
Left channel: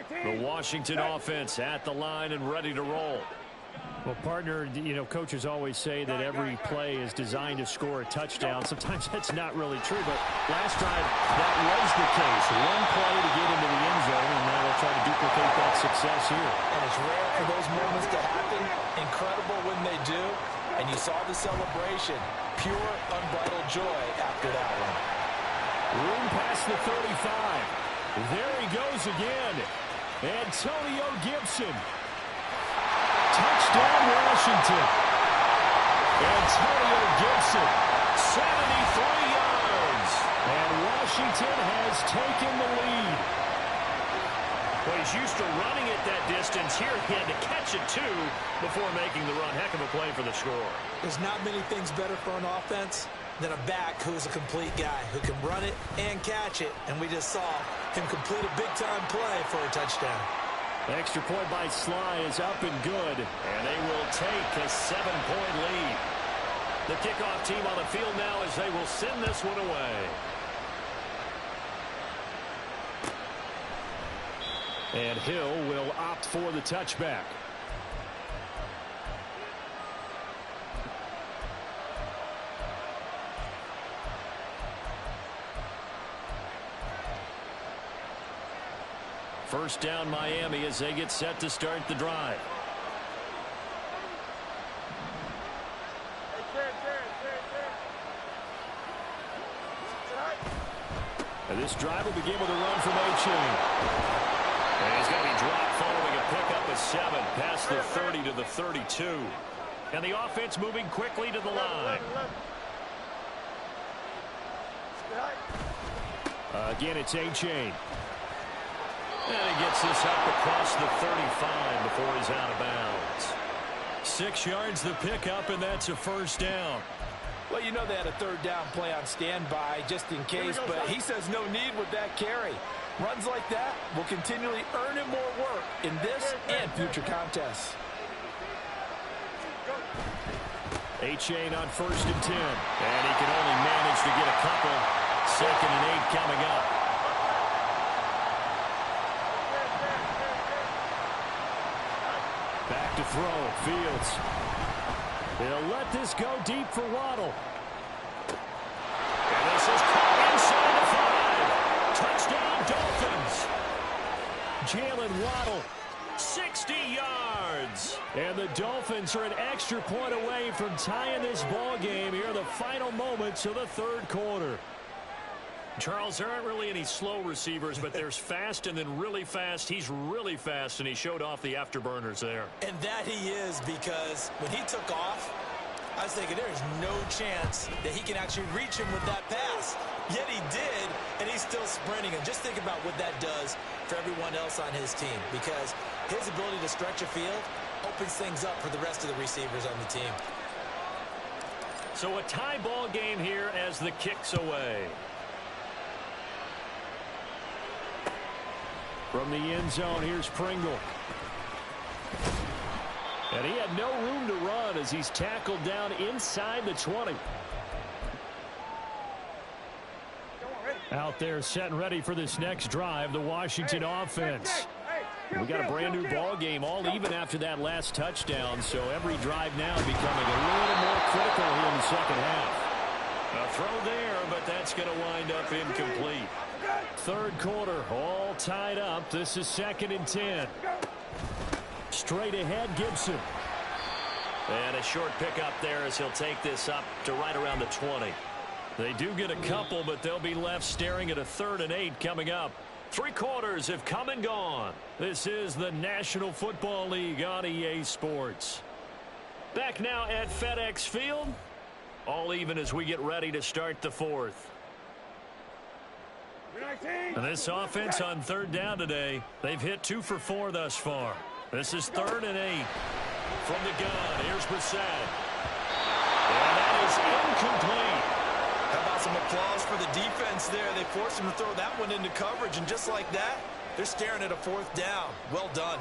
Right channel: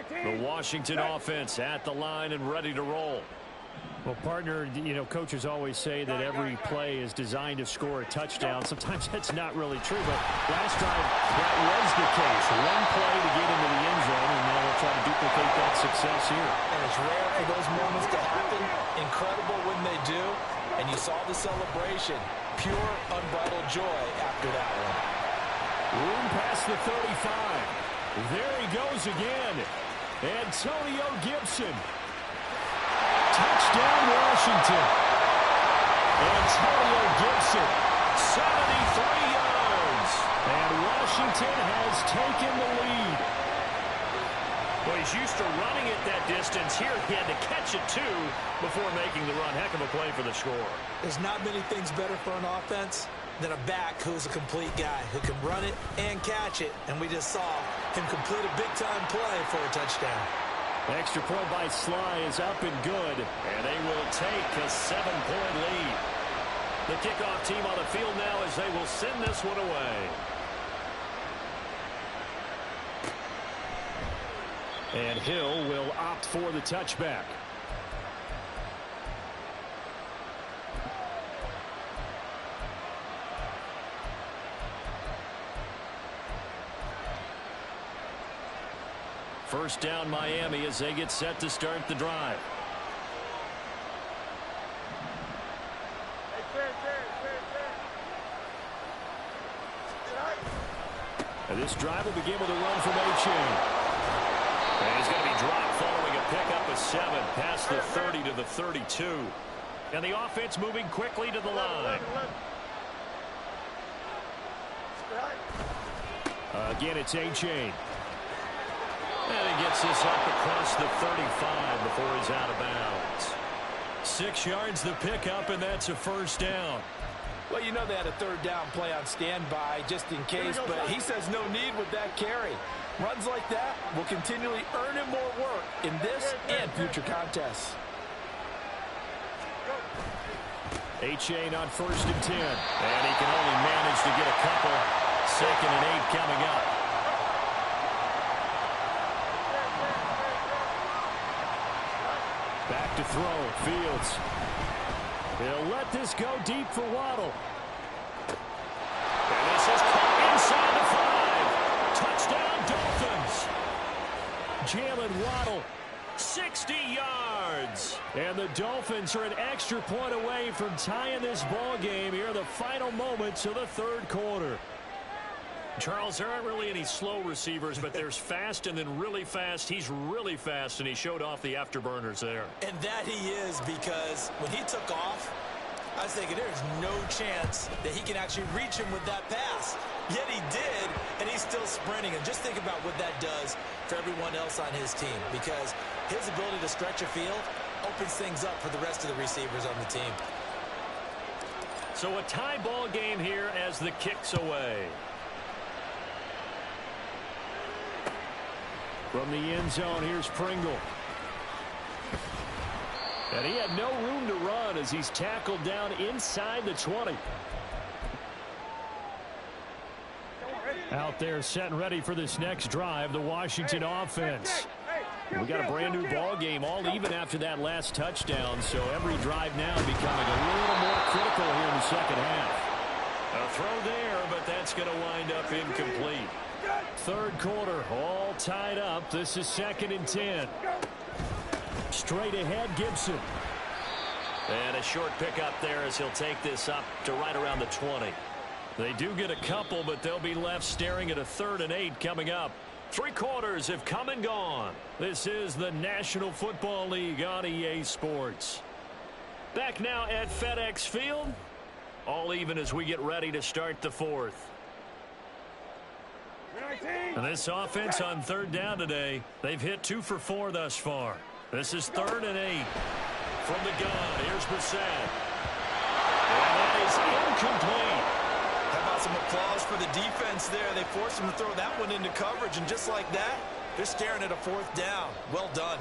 The Washington offense at the line and ready to roll. Well, partner, you know, coaches always say that every play is designed to score a touchdown. Sometimes that's not really true, but last drive, that was the case. One play to get into the end zone, and now they'll try to duplicate that success here. And it's rare for those moments to happen. Incredible when they do. And you saw the celebration. Pure, unbridled joy after that one. Room past the 35. There he goes again. Antonio Gibson. Touchdown, Washington. Antonio Gibson, 73 yards. And Washington has taken the lead. Well, he's used to running it that distance. Here he had to catch it, too, before making the run. Heck of a play for the score. There's not many things better for an offense than a back who's a complete guy, who can run it and catch it. And we just saw him complete a big-time play for a touchdown. Extra point by Sly is up and good. And they will take a 7-point lead. The kickoff team on the field now as they will send this one away. And Hill will opt for the touchback. First down, Miami, as they get set to start the drive. And this drive will begin with a run from Achane. And he's going to be dropped following a pickup of 7 past the 30 to the 32. And the offense moving quickly to the line. Again, it's A-Chain. And he gets this up across the 35 before he's out of bounds. 6 yards the pickup, and that's a first down. Well, you know they had a third down play on standby just in case, but he says no need with that carry. Runs like that will continually earn him more work in this and future contests. A-Chain on 1st and 10. And he can only manage to get a couple. 2nd and 8 coming up. Back to throw. Fields. He'll let this go deep for Waddle. And this is caught inside the 5. Touchdown, Dolphins. Jalen Waddle, 60 yards. And the Dolphins are an extra point away from tying this ball game here in the final moments of the 3rd quarter. Charles, there aren't really any slow receivers, but there's fast and then really fast. He's really fast, and he showed off the afterburners there. And that he is, because when he took off, I was thinking there's no chance that he can actually reach him with that pass. Yet he did, and he's still sprinting. And just think about what that does for everyone else on his team, because his ability to stretch a field opens things up for the rest of the receivers on the team. So a tie ball game here as the kick's away. From the end zone, here's Pringle. And he had no room to run as he's tackled down inside the 20. Out there set and ready for this next drive, the Washington offense. We got a brand new ball game, all even after that last touchdown, so every drive now becoming a little more critical here in the 2nd half. A throw there, but that's going to wind up incomplete. 3rd quarter, all tied up. This is 2nd and 10. Straight ahead, Gibson. And a short pickup there as he'll take this up to right around the 20. They do get a couple, but they'll be left staring at a 3rd and 8 coming up. 3 quarters have come and gone. This is the National Football League on EA Sports. Back now at FedEx Field. All even as we get ready to start the 4th. And this offense on 3rd down today, they've hit 2 for 4 thus far. This is 3rd and 8. From the gun, here's Brissett. And that is incomplete. How about some applause for the defense there? They forced him to throw that one into coverage, and just like that, they're staring at a 4th down. Well done.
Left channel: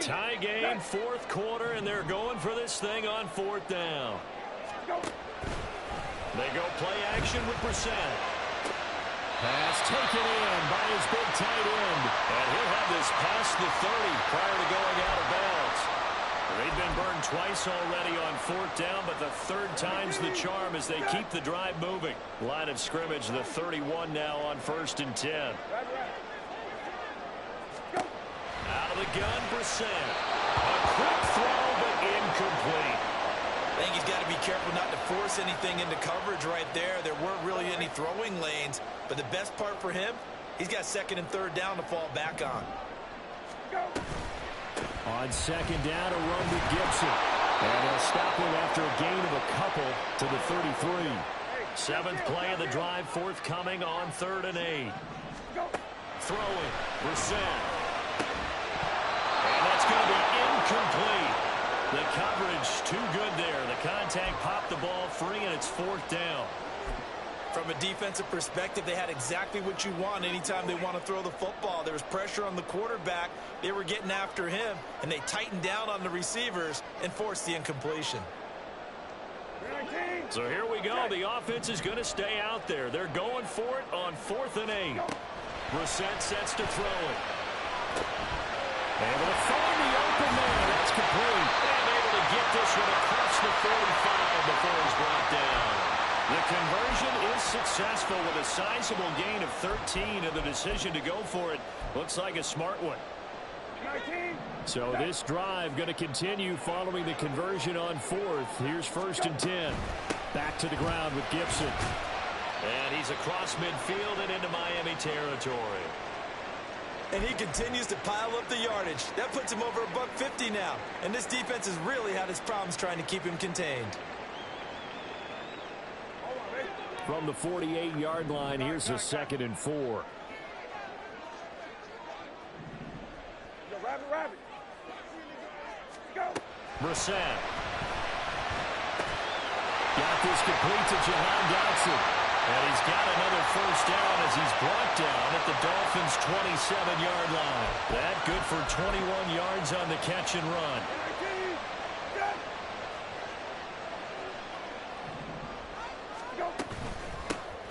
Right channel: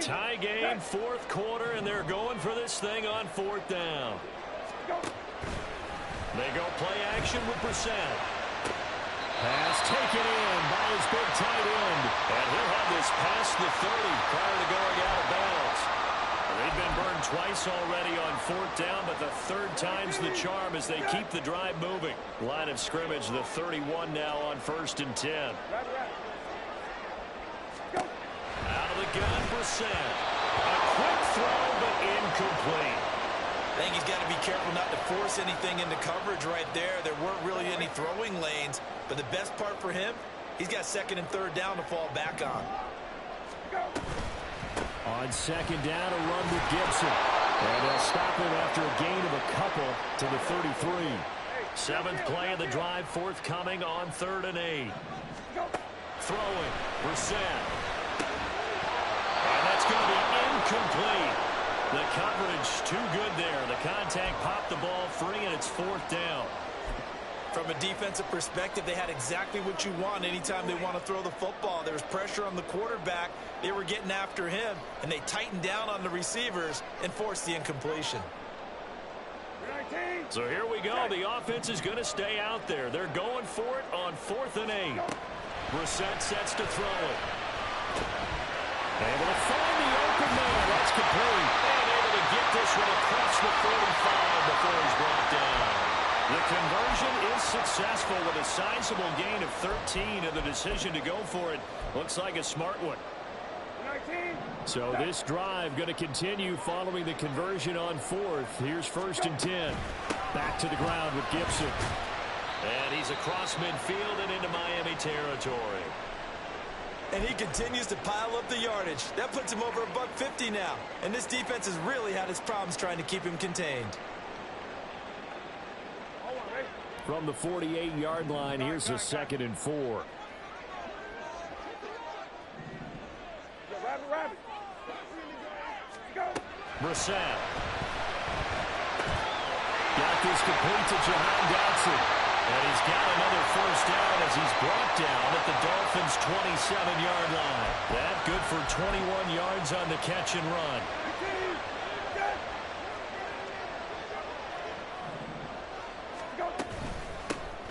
Tie game, 4th quarter, and they're going for this thing on 4th down. They go play action with Brissett. Pass taken in by his big tight end. And he'll have this past the 30 prior to going out of bounds. They've been burned twice already on 4th down, but the 3rd time's the charm as they keep the drive moving. Line of scrimmage, the 31 now on 1st and 10. Out of the gun, Brissett. A quick throw, but incomplete. I think he's got to be careful not to force anything into coverage right there. There weren't really any throwing lanes, but the best part for him, he's got 2nd and 3rd down to fall back on. On 2nd down, a run with Gibson. And they'll stop him after a gain of a couple to the 33. 7th play of the drive, forthcoming on 3rd and 8. Throwing, Brissett. And that's going to be incomplete. The coverage too good there. The contact popped the ball free, and it's 4th down. From a defensive perspective, they had exactly what you want anytime they want to throw the football. There was pressure on the quarterback. They were getting after him, and they tightened down on the receivers and forced the incompletion. So here we go. The offense is going to stay out there. They're going for it on 4th and 8. Brissett sets to throw it. Able to find the open man. That's complete. And able to get this one across the 45 before he's brought down. The conversion is successful with a sizable gain of 13, and the decision to go for it looks like a smart one. So this drive going to continue following the conversion on 4th. Here's 1st and 10. Back to the ground with Gibson. And he's across midfield and into Miami territory. And he continues to pile up the yardage. That puts him over $150 now. And this defense has really had its problems trying to keep him contained. From the 48-yard line, here's a 2nd and 4. Brissett. Got this complete to Jahan Dotson. And he's got another first down as he's brought down at the Dolphins' 27-yard line. That good for 21 yards on the catch and run.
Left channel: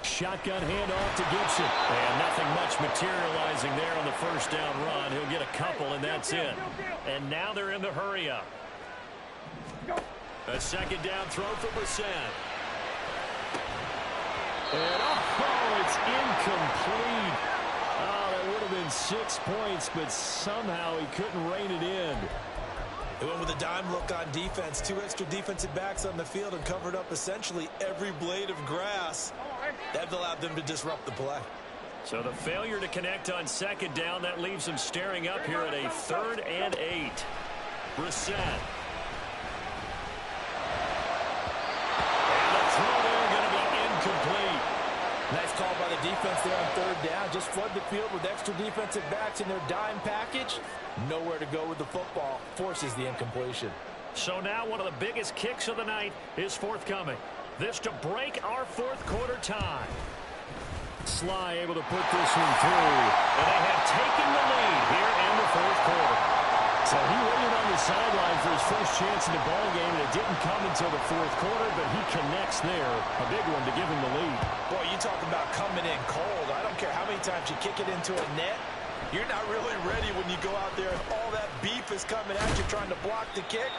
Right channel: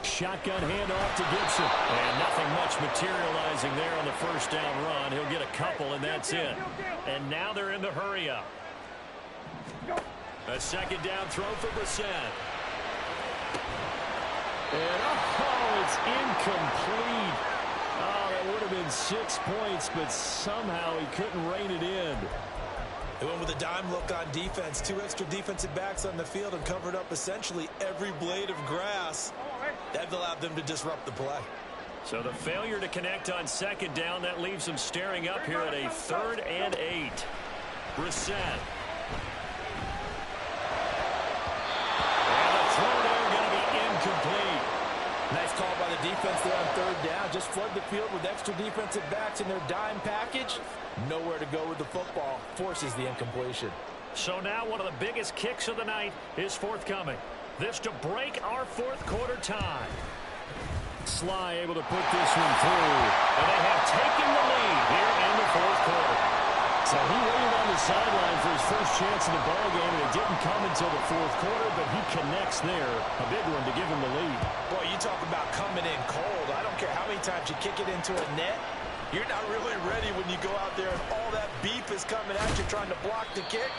Shotgun handoff to Gibson. And nothing much materializing there on the first down run. He'll get a couple, and that's it. And now they're in the hurry-up. A 2nd down throw for Brissett. And, it's incomplete. Oh, that would have been 6 points, but somehow he couldn't rein it in. They went with a dime look on defense. 2 extra defensive backs on the field and covered up essentially every blade of grass. That allowed them to disrupt the play. So the failure to connect on 2nd down, that leaves them staring up here at a 3rd and 8. Brissett. And the throw there going to be incomplete. Nice call by the defense there on 3rd down. Just flood the field with extra defensive backs in their dime package. Nowhere to go with the football. Forces the incompletion. So now one of the biggest kicks of the night is forthcoming. This to break our 4th quarter tie. Sly able to put this one through. And they have taken the lead here in the 4th quarter. So he waited on the sideline for his first chance in the ball game, and it didn't come until the 4th quarter, but he connects there. A big one to give him the lead. Boy, you talk about coming in cold. I don't care how many times you kick it into a net. You're not really ready when you go out there and all that beef is coming at you trying to block the kick.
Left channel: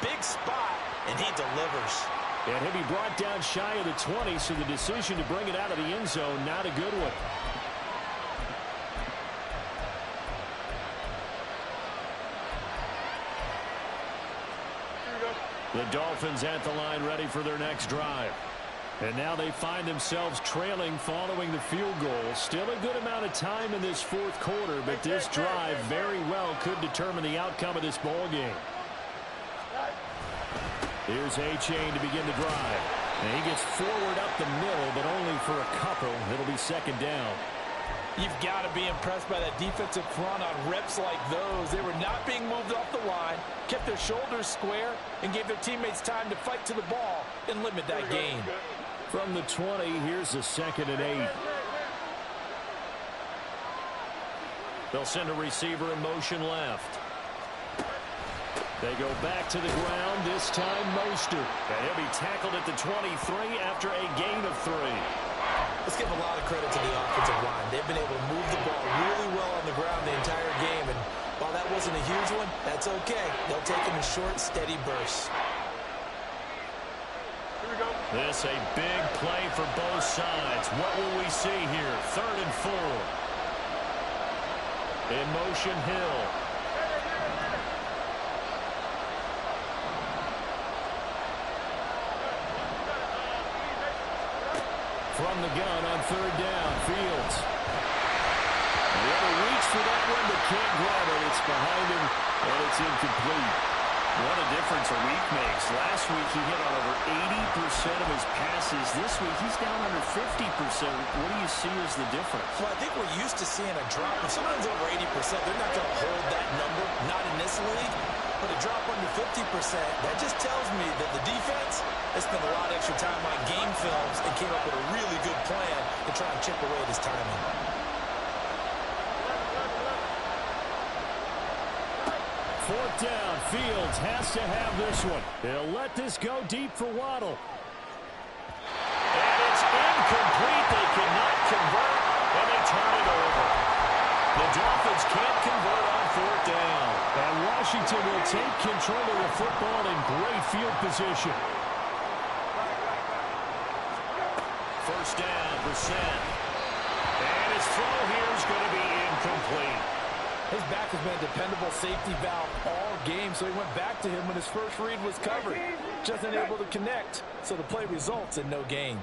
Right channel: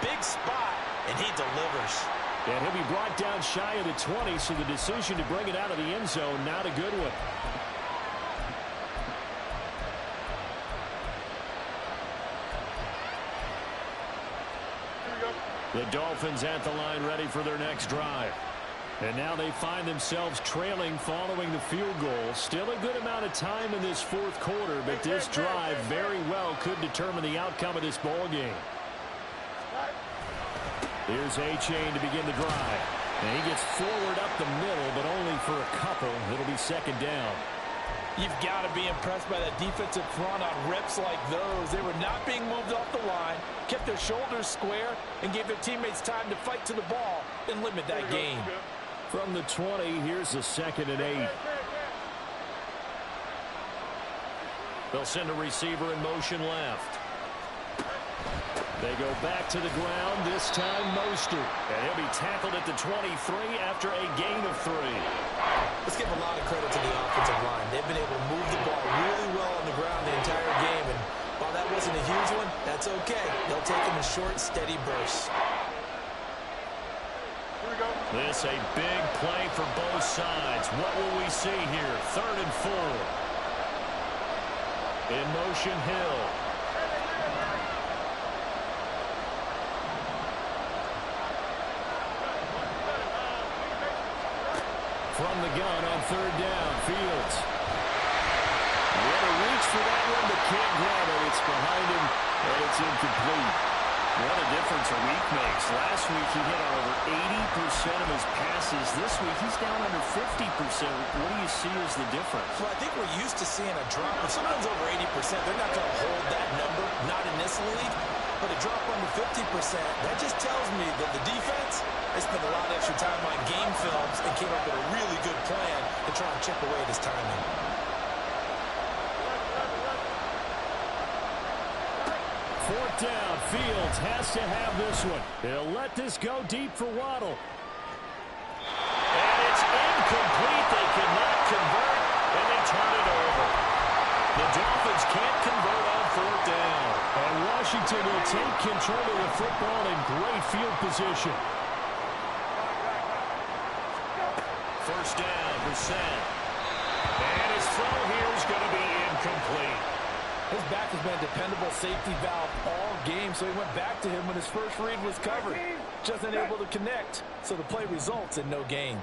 Big spot, and he delivers. And he'll be brought down shy of the 20, so the decision to bring it out of the end zone, not a good one. The Dolphins at the line ready for their next drive. And now they find themselves trailing following the field goal. Still a good amount of time in this 4th quarter, but this drive very well could determine the outcome of this ball game. Here's Achane to begin the drive. And he gets forward up the middle, but only for a couple. It'll be 2nd down. You've got to be impressed by that defensive front on reps like those. They were not being moved off the line, kept their shoulders square, and gave their teammates time to fight to the ball and limit that gain. From the 20, here's the 2nd and 8. They'll send a receiver in motion left. They go back to the ground, this time Mostert. And he'll be tackled at the 23 after a gain of 3. Let's give a lot of credit to the offensive line. They've been able to move the ball really well on the ground the entire game. And while that wasn't a huge one, that's okay. They'll take them in short, steady bursts. Here we go. This a big play for both sides. What will we see here? 3rd and 4. In motion, Hill. From the gun on 3rd down, Fields. He had a reach for that one, but can't grab it. It's behind him, and it's incomplete. What a difference a week makes. Last week he hit on over 80% of his passes. This week he's down under 50%. What do you see as the difference? Well, I think we're used to seeing a drop. If someone's over 80%, they're not going to hold that number, not in this league. But a drop under 50%, that just tells me that the defense has spent a lot of extra time on game films and came up with a really good plan to try and chip away at his timing. Fourth down, Fields has to have this one. He'll let this go deep for Waddle. And it's incomplete. They cannot convert, and they turn it over. The Dolphins can't convert on 4th down. And Washington will take control of the football in great field position. First down, Brissett. And his throw here is going to be incomplete. His back has been a dependable safety valve all game, so he went back to him when his first read was covered. Just unable to connect, so the play results in no gain.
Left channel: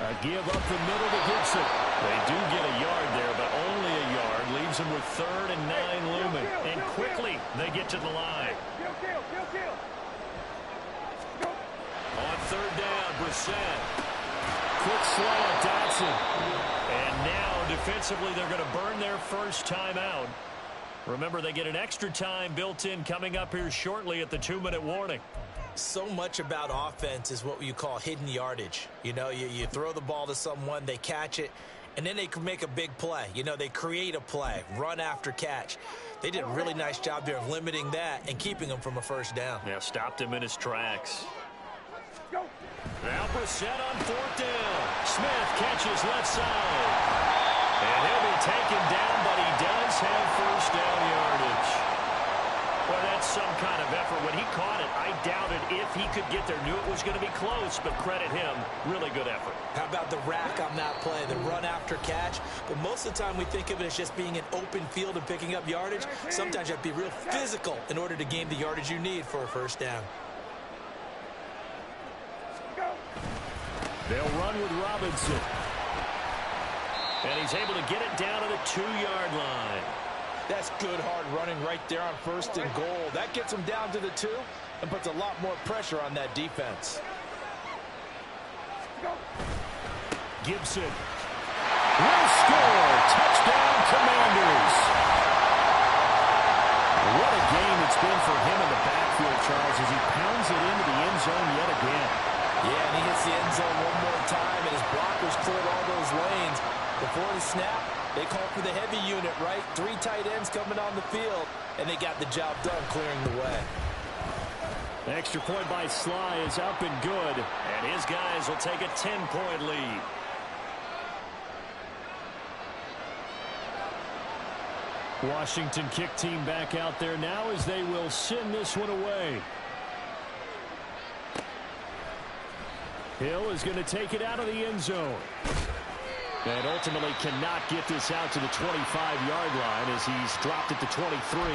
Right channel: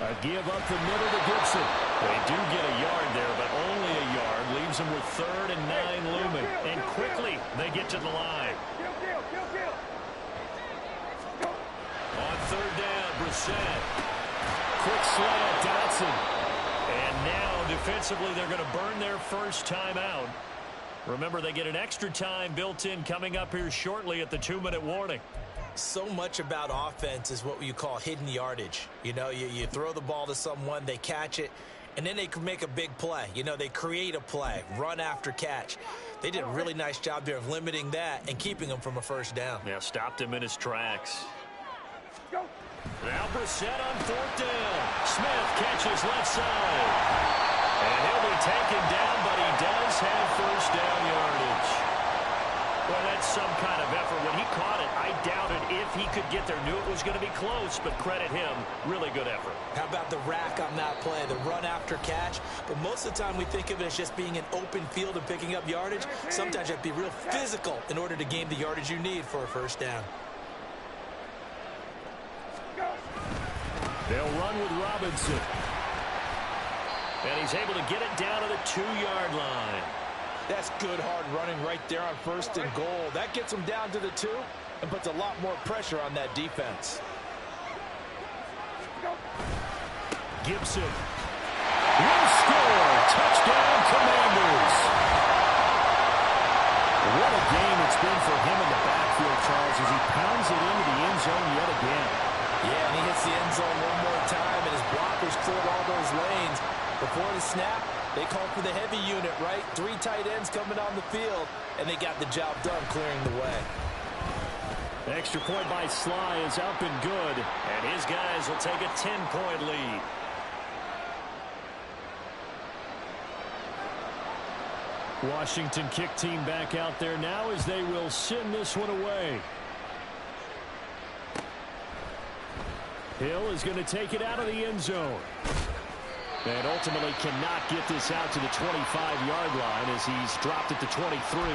A give up the middle to Gibson. They do get a yard there, but only a yard. Leaves them with 3rd and 9 looming. And quickly, they get to the line. On 3rd down, Brissett. Quick slant, Dotson. And now, defensively, they're going to burn their first timeout. Remember, they get an extra time built in coming up here shortly at the 2-minute warning. So much about offense is what you call hidden yardage. You know, you throw the ball to someone, they catch it, and then they can make a big play. You know, they create a play, run after catch. They did a really nice job there of limiting that and keeping him from a first down. Yeah, stopped him in his tracks. Now Brissett on 4th down. Smith catches left side. And he'll be taken down, but he does have first down yardage. Well, that's some kind of effort. When he caught it, I doubted if he could get there. Knew it was going to be close, but credit him. Really good effort. How about the rack on that play, the run after catch? But most of the time we think of it as just being an open field and picking up yardage. Sometimes you have to be real physical in order to gain the yardage you need for a first down. They'll run with Robinson. And he's able to get it down to the 2-yard line. That's good hard running right there on 1st and goal. That gets him down to the 2 and puts a lot more pressure on that defense. Gibson will score. Touchdown, Commanders. What a game it's been for him in the backfield, Charles, as he pounds it into the end zone yet again. Yeah, and he hits the end zone one more time, and his blockers cleared all those lanes. Before the snap, they called for the heavy unit, right? 3 tight ends coming on the field, and they got the job done clearing the way. Extra point by Sly is up and good. And his guys will take a 10-point lead. Washington kick team back out there now as they will send this one away. Hill is going to take it out of the end zone. And ultimately cannot get this out to the 25-yard line as he's dropped it to 23.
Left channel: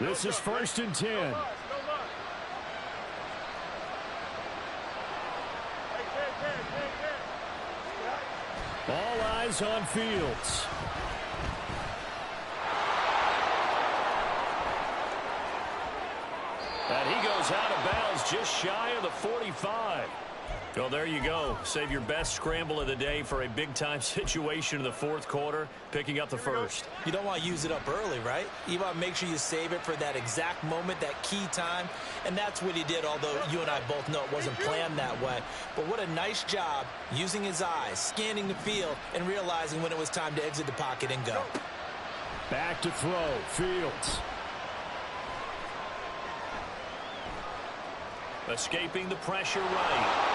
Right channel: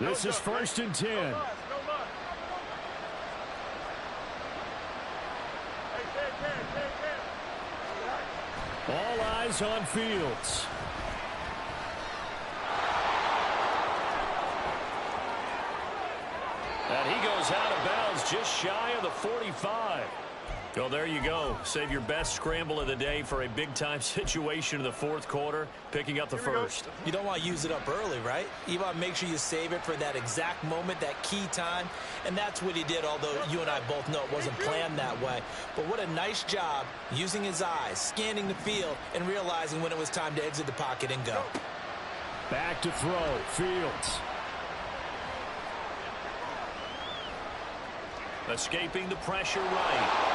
This is 1st and 10. All eyes on Fields. And he goes out of bounds just shy of the 45. Well, there you go. Save your best scramble of the day for a big-time situation in the 4th quarter, picking up the first. You don't want to use it up early, right? You want to make sure you save it for that exact moment, that key time. And that's what he did, although you and I both know it wasn't planned that way. But what a nice job using his eyes, scanning the field, and realizing when it was time to exit the pocket and go. Back to throw. Fields. Escaping the pressure right.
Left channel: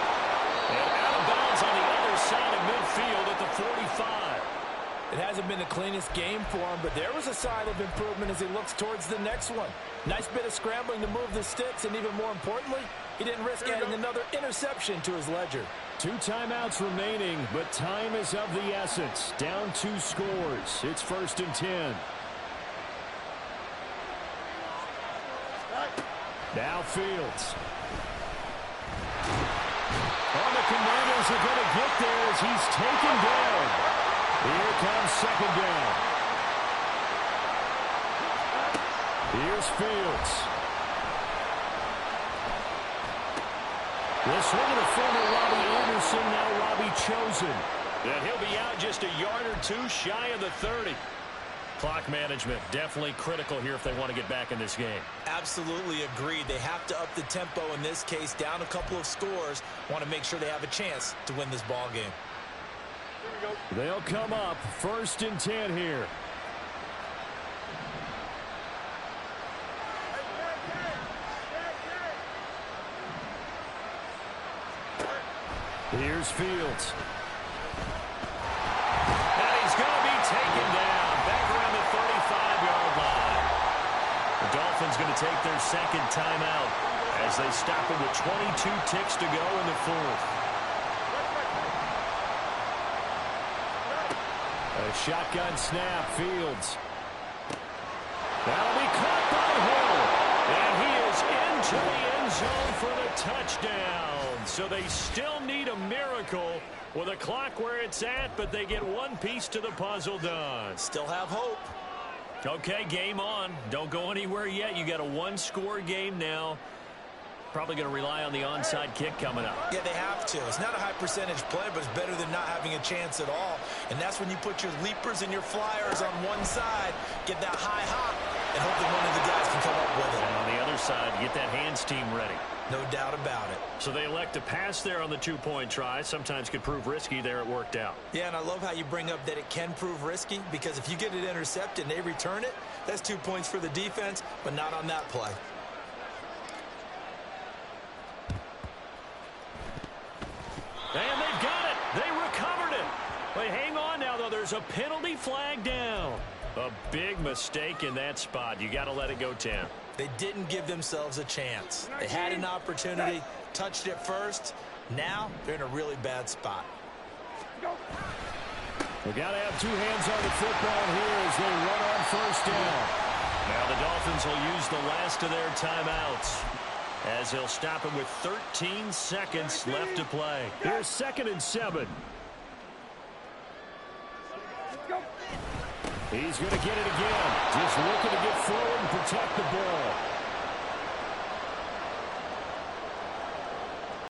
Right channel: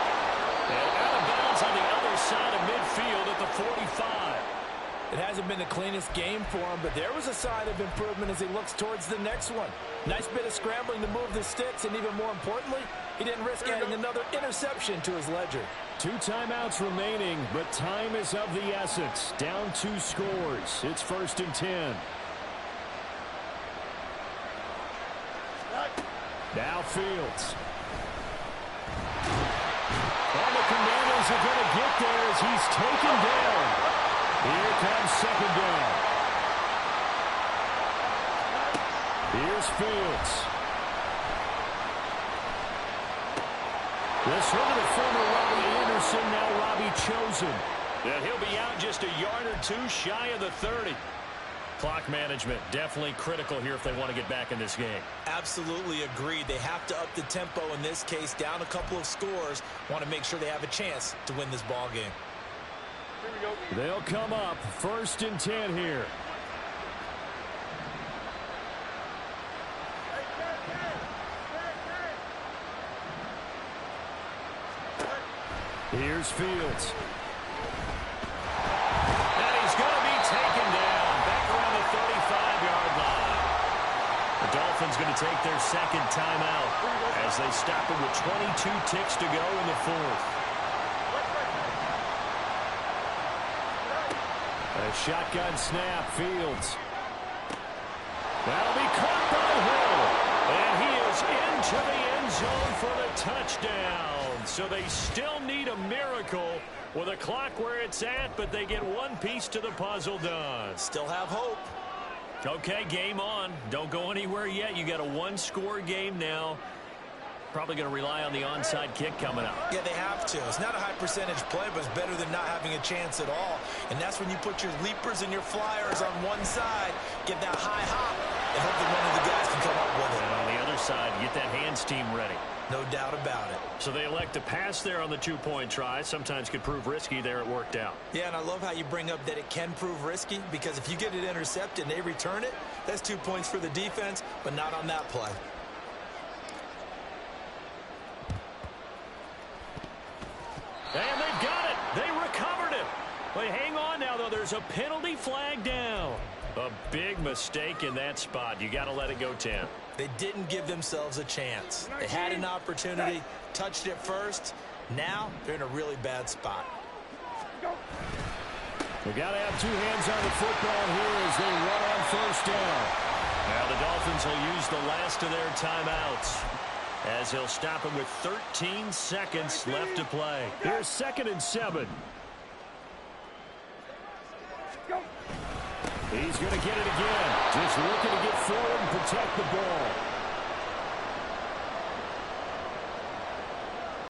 And out of bounds on the other side of midfield at the 45. It hasn't been the cleanest game for him, but there was a sign of improvement as he looks towards the next one. Nice bit of scrambling to move the sticks, and even more importantly, he didn't risk adding another interception to his ledger. 2 timeouts remaining, but time is of the essence. Down 2 scores. It's 1st and 10. Now Fields. Oh, the Commanders are going to get there as he's taken down. Here comes 2nd down. Here's Fields. The swing of the former Robbie Anderson, now Robbie Chosen. And he'll be out just a yard or 2 shy of the 30. Clock management definitely critical here if they want to get back in this game. Absolutely agreed. They have to up the tempo in this case, down a couple of scores. Want to make sure they have a chance to win this ball game. Here we go. They'll come up 1st and 10 here. Here's Fields. And he's going to be taken down back around the 35-yard line. The Dolphins going to take their 2nd timeout. as they stop him with 22 ticks to go in the fourth. A shotgun snap, Fields. That'll be caught by Hill. And he is into the end zone for the touchdown. So they still need a miracle with a clock where it's at, but they get one piece to the puzzle done. Still have hope. Okay, game on. Don't go anywhere yet. You got a one-score game now. Probably going to rely on the onside kick coming up. Yeah, they have to. It's not a high percentage play, but it's better than not having a chance at all. And that's when you put your leapers and your flyers on one side, get that high hop, and hope that one of the guys can come up with it. And on the other side, get that hands team ready. No doubt about it. So they elect to pass there on the two-point try. Sometimes could prove risky. There it worked out. Yeah, and I love how you bring up that it can prove risky, because if you get it intercepted and they return it, that's 2 points for the defense, but not on that play. And they've got it. They recovered it. But hang on now, though. There's a penalty flag down. A big mistake in that spot. You got to let it go 10. They didn't give themselves a chance. They had an opportunity, touched it first. Now they're in a really bad spot. We got to have two hands on the football here as they run on first down. Now the Dolphins will use the last of their timeouts, as he'll stop him with 13 seconds left to play. Here's 2nd and 7. He's going to get it again. Just looking to get forward and protect the ball.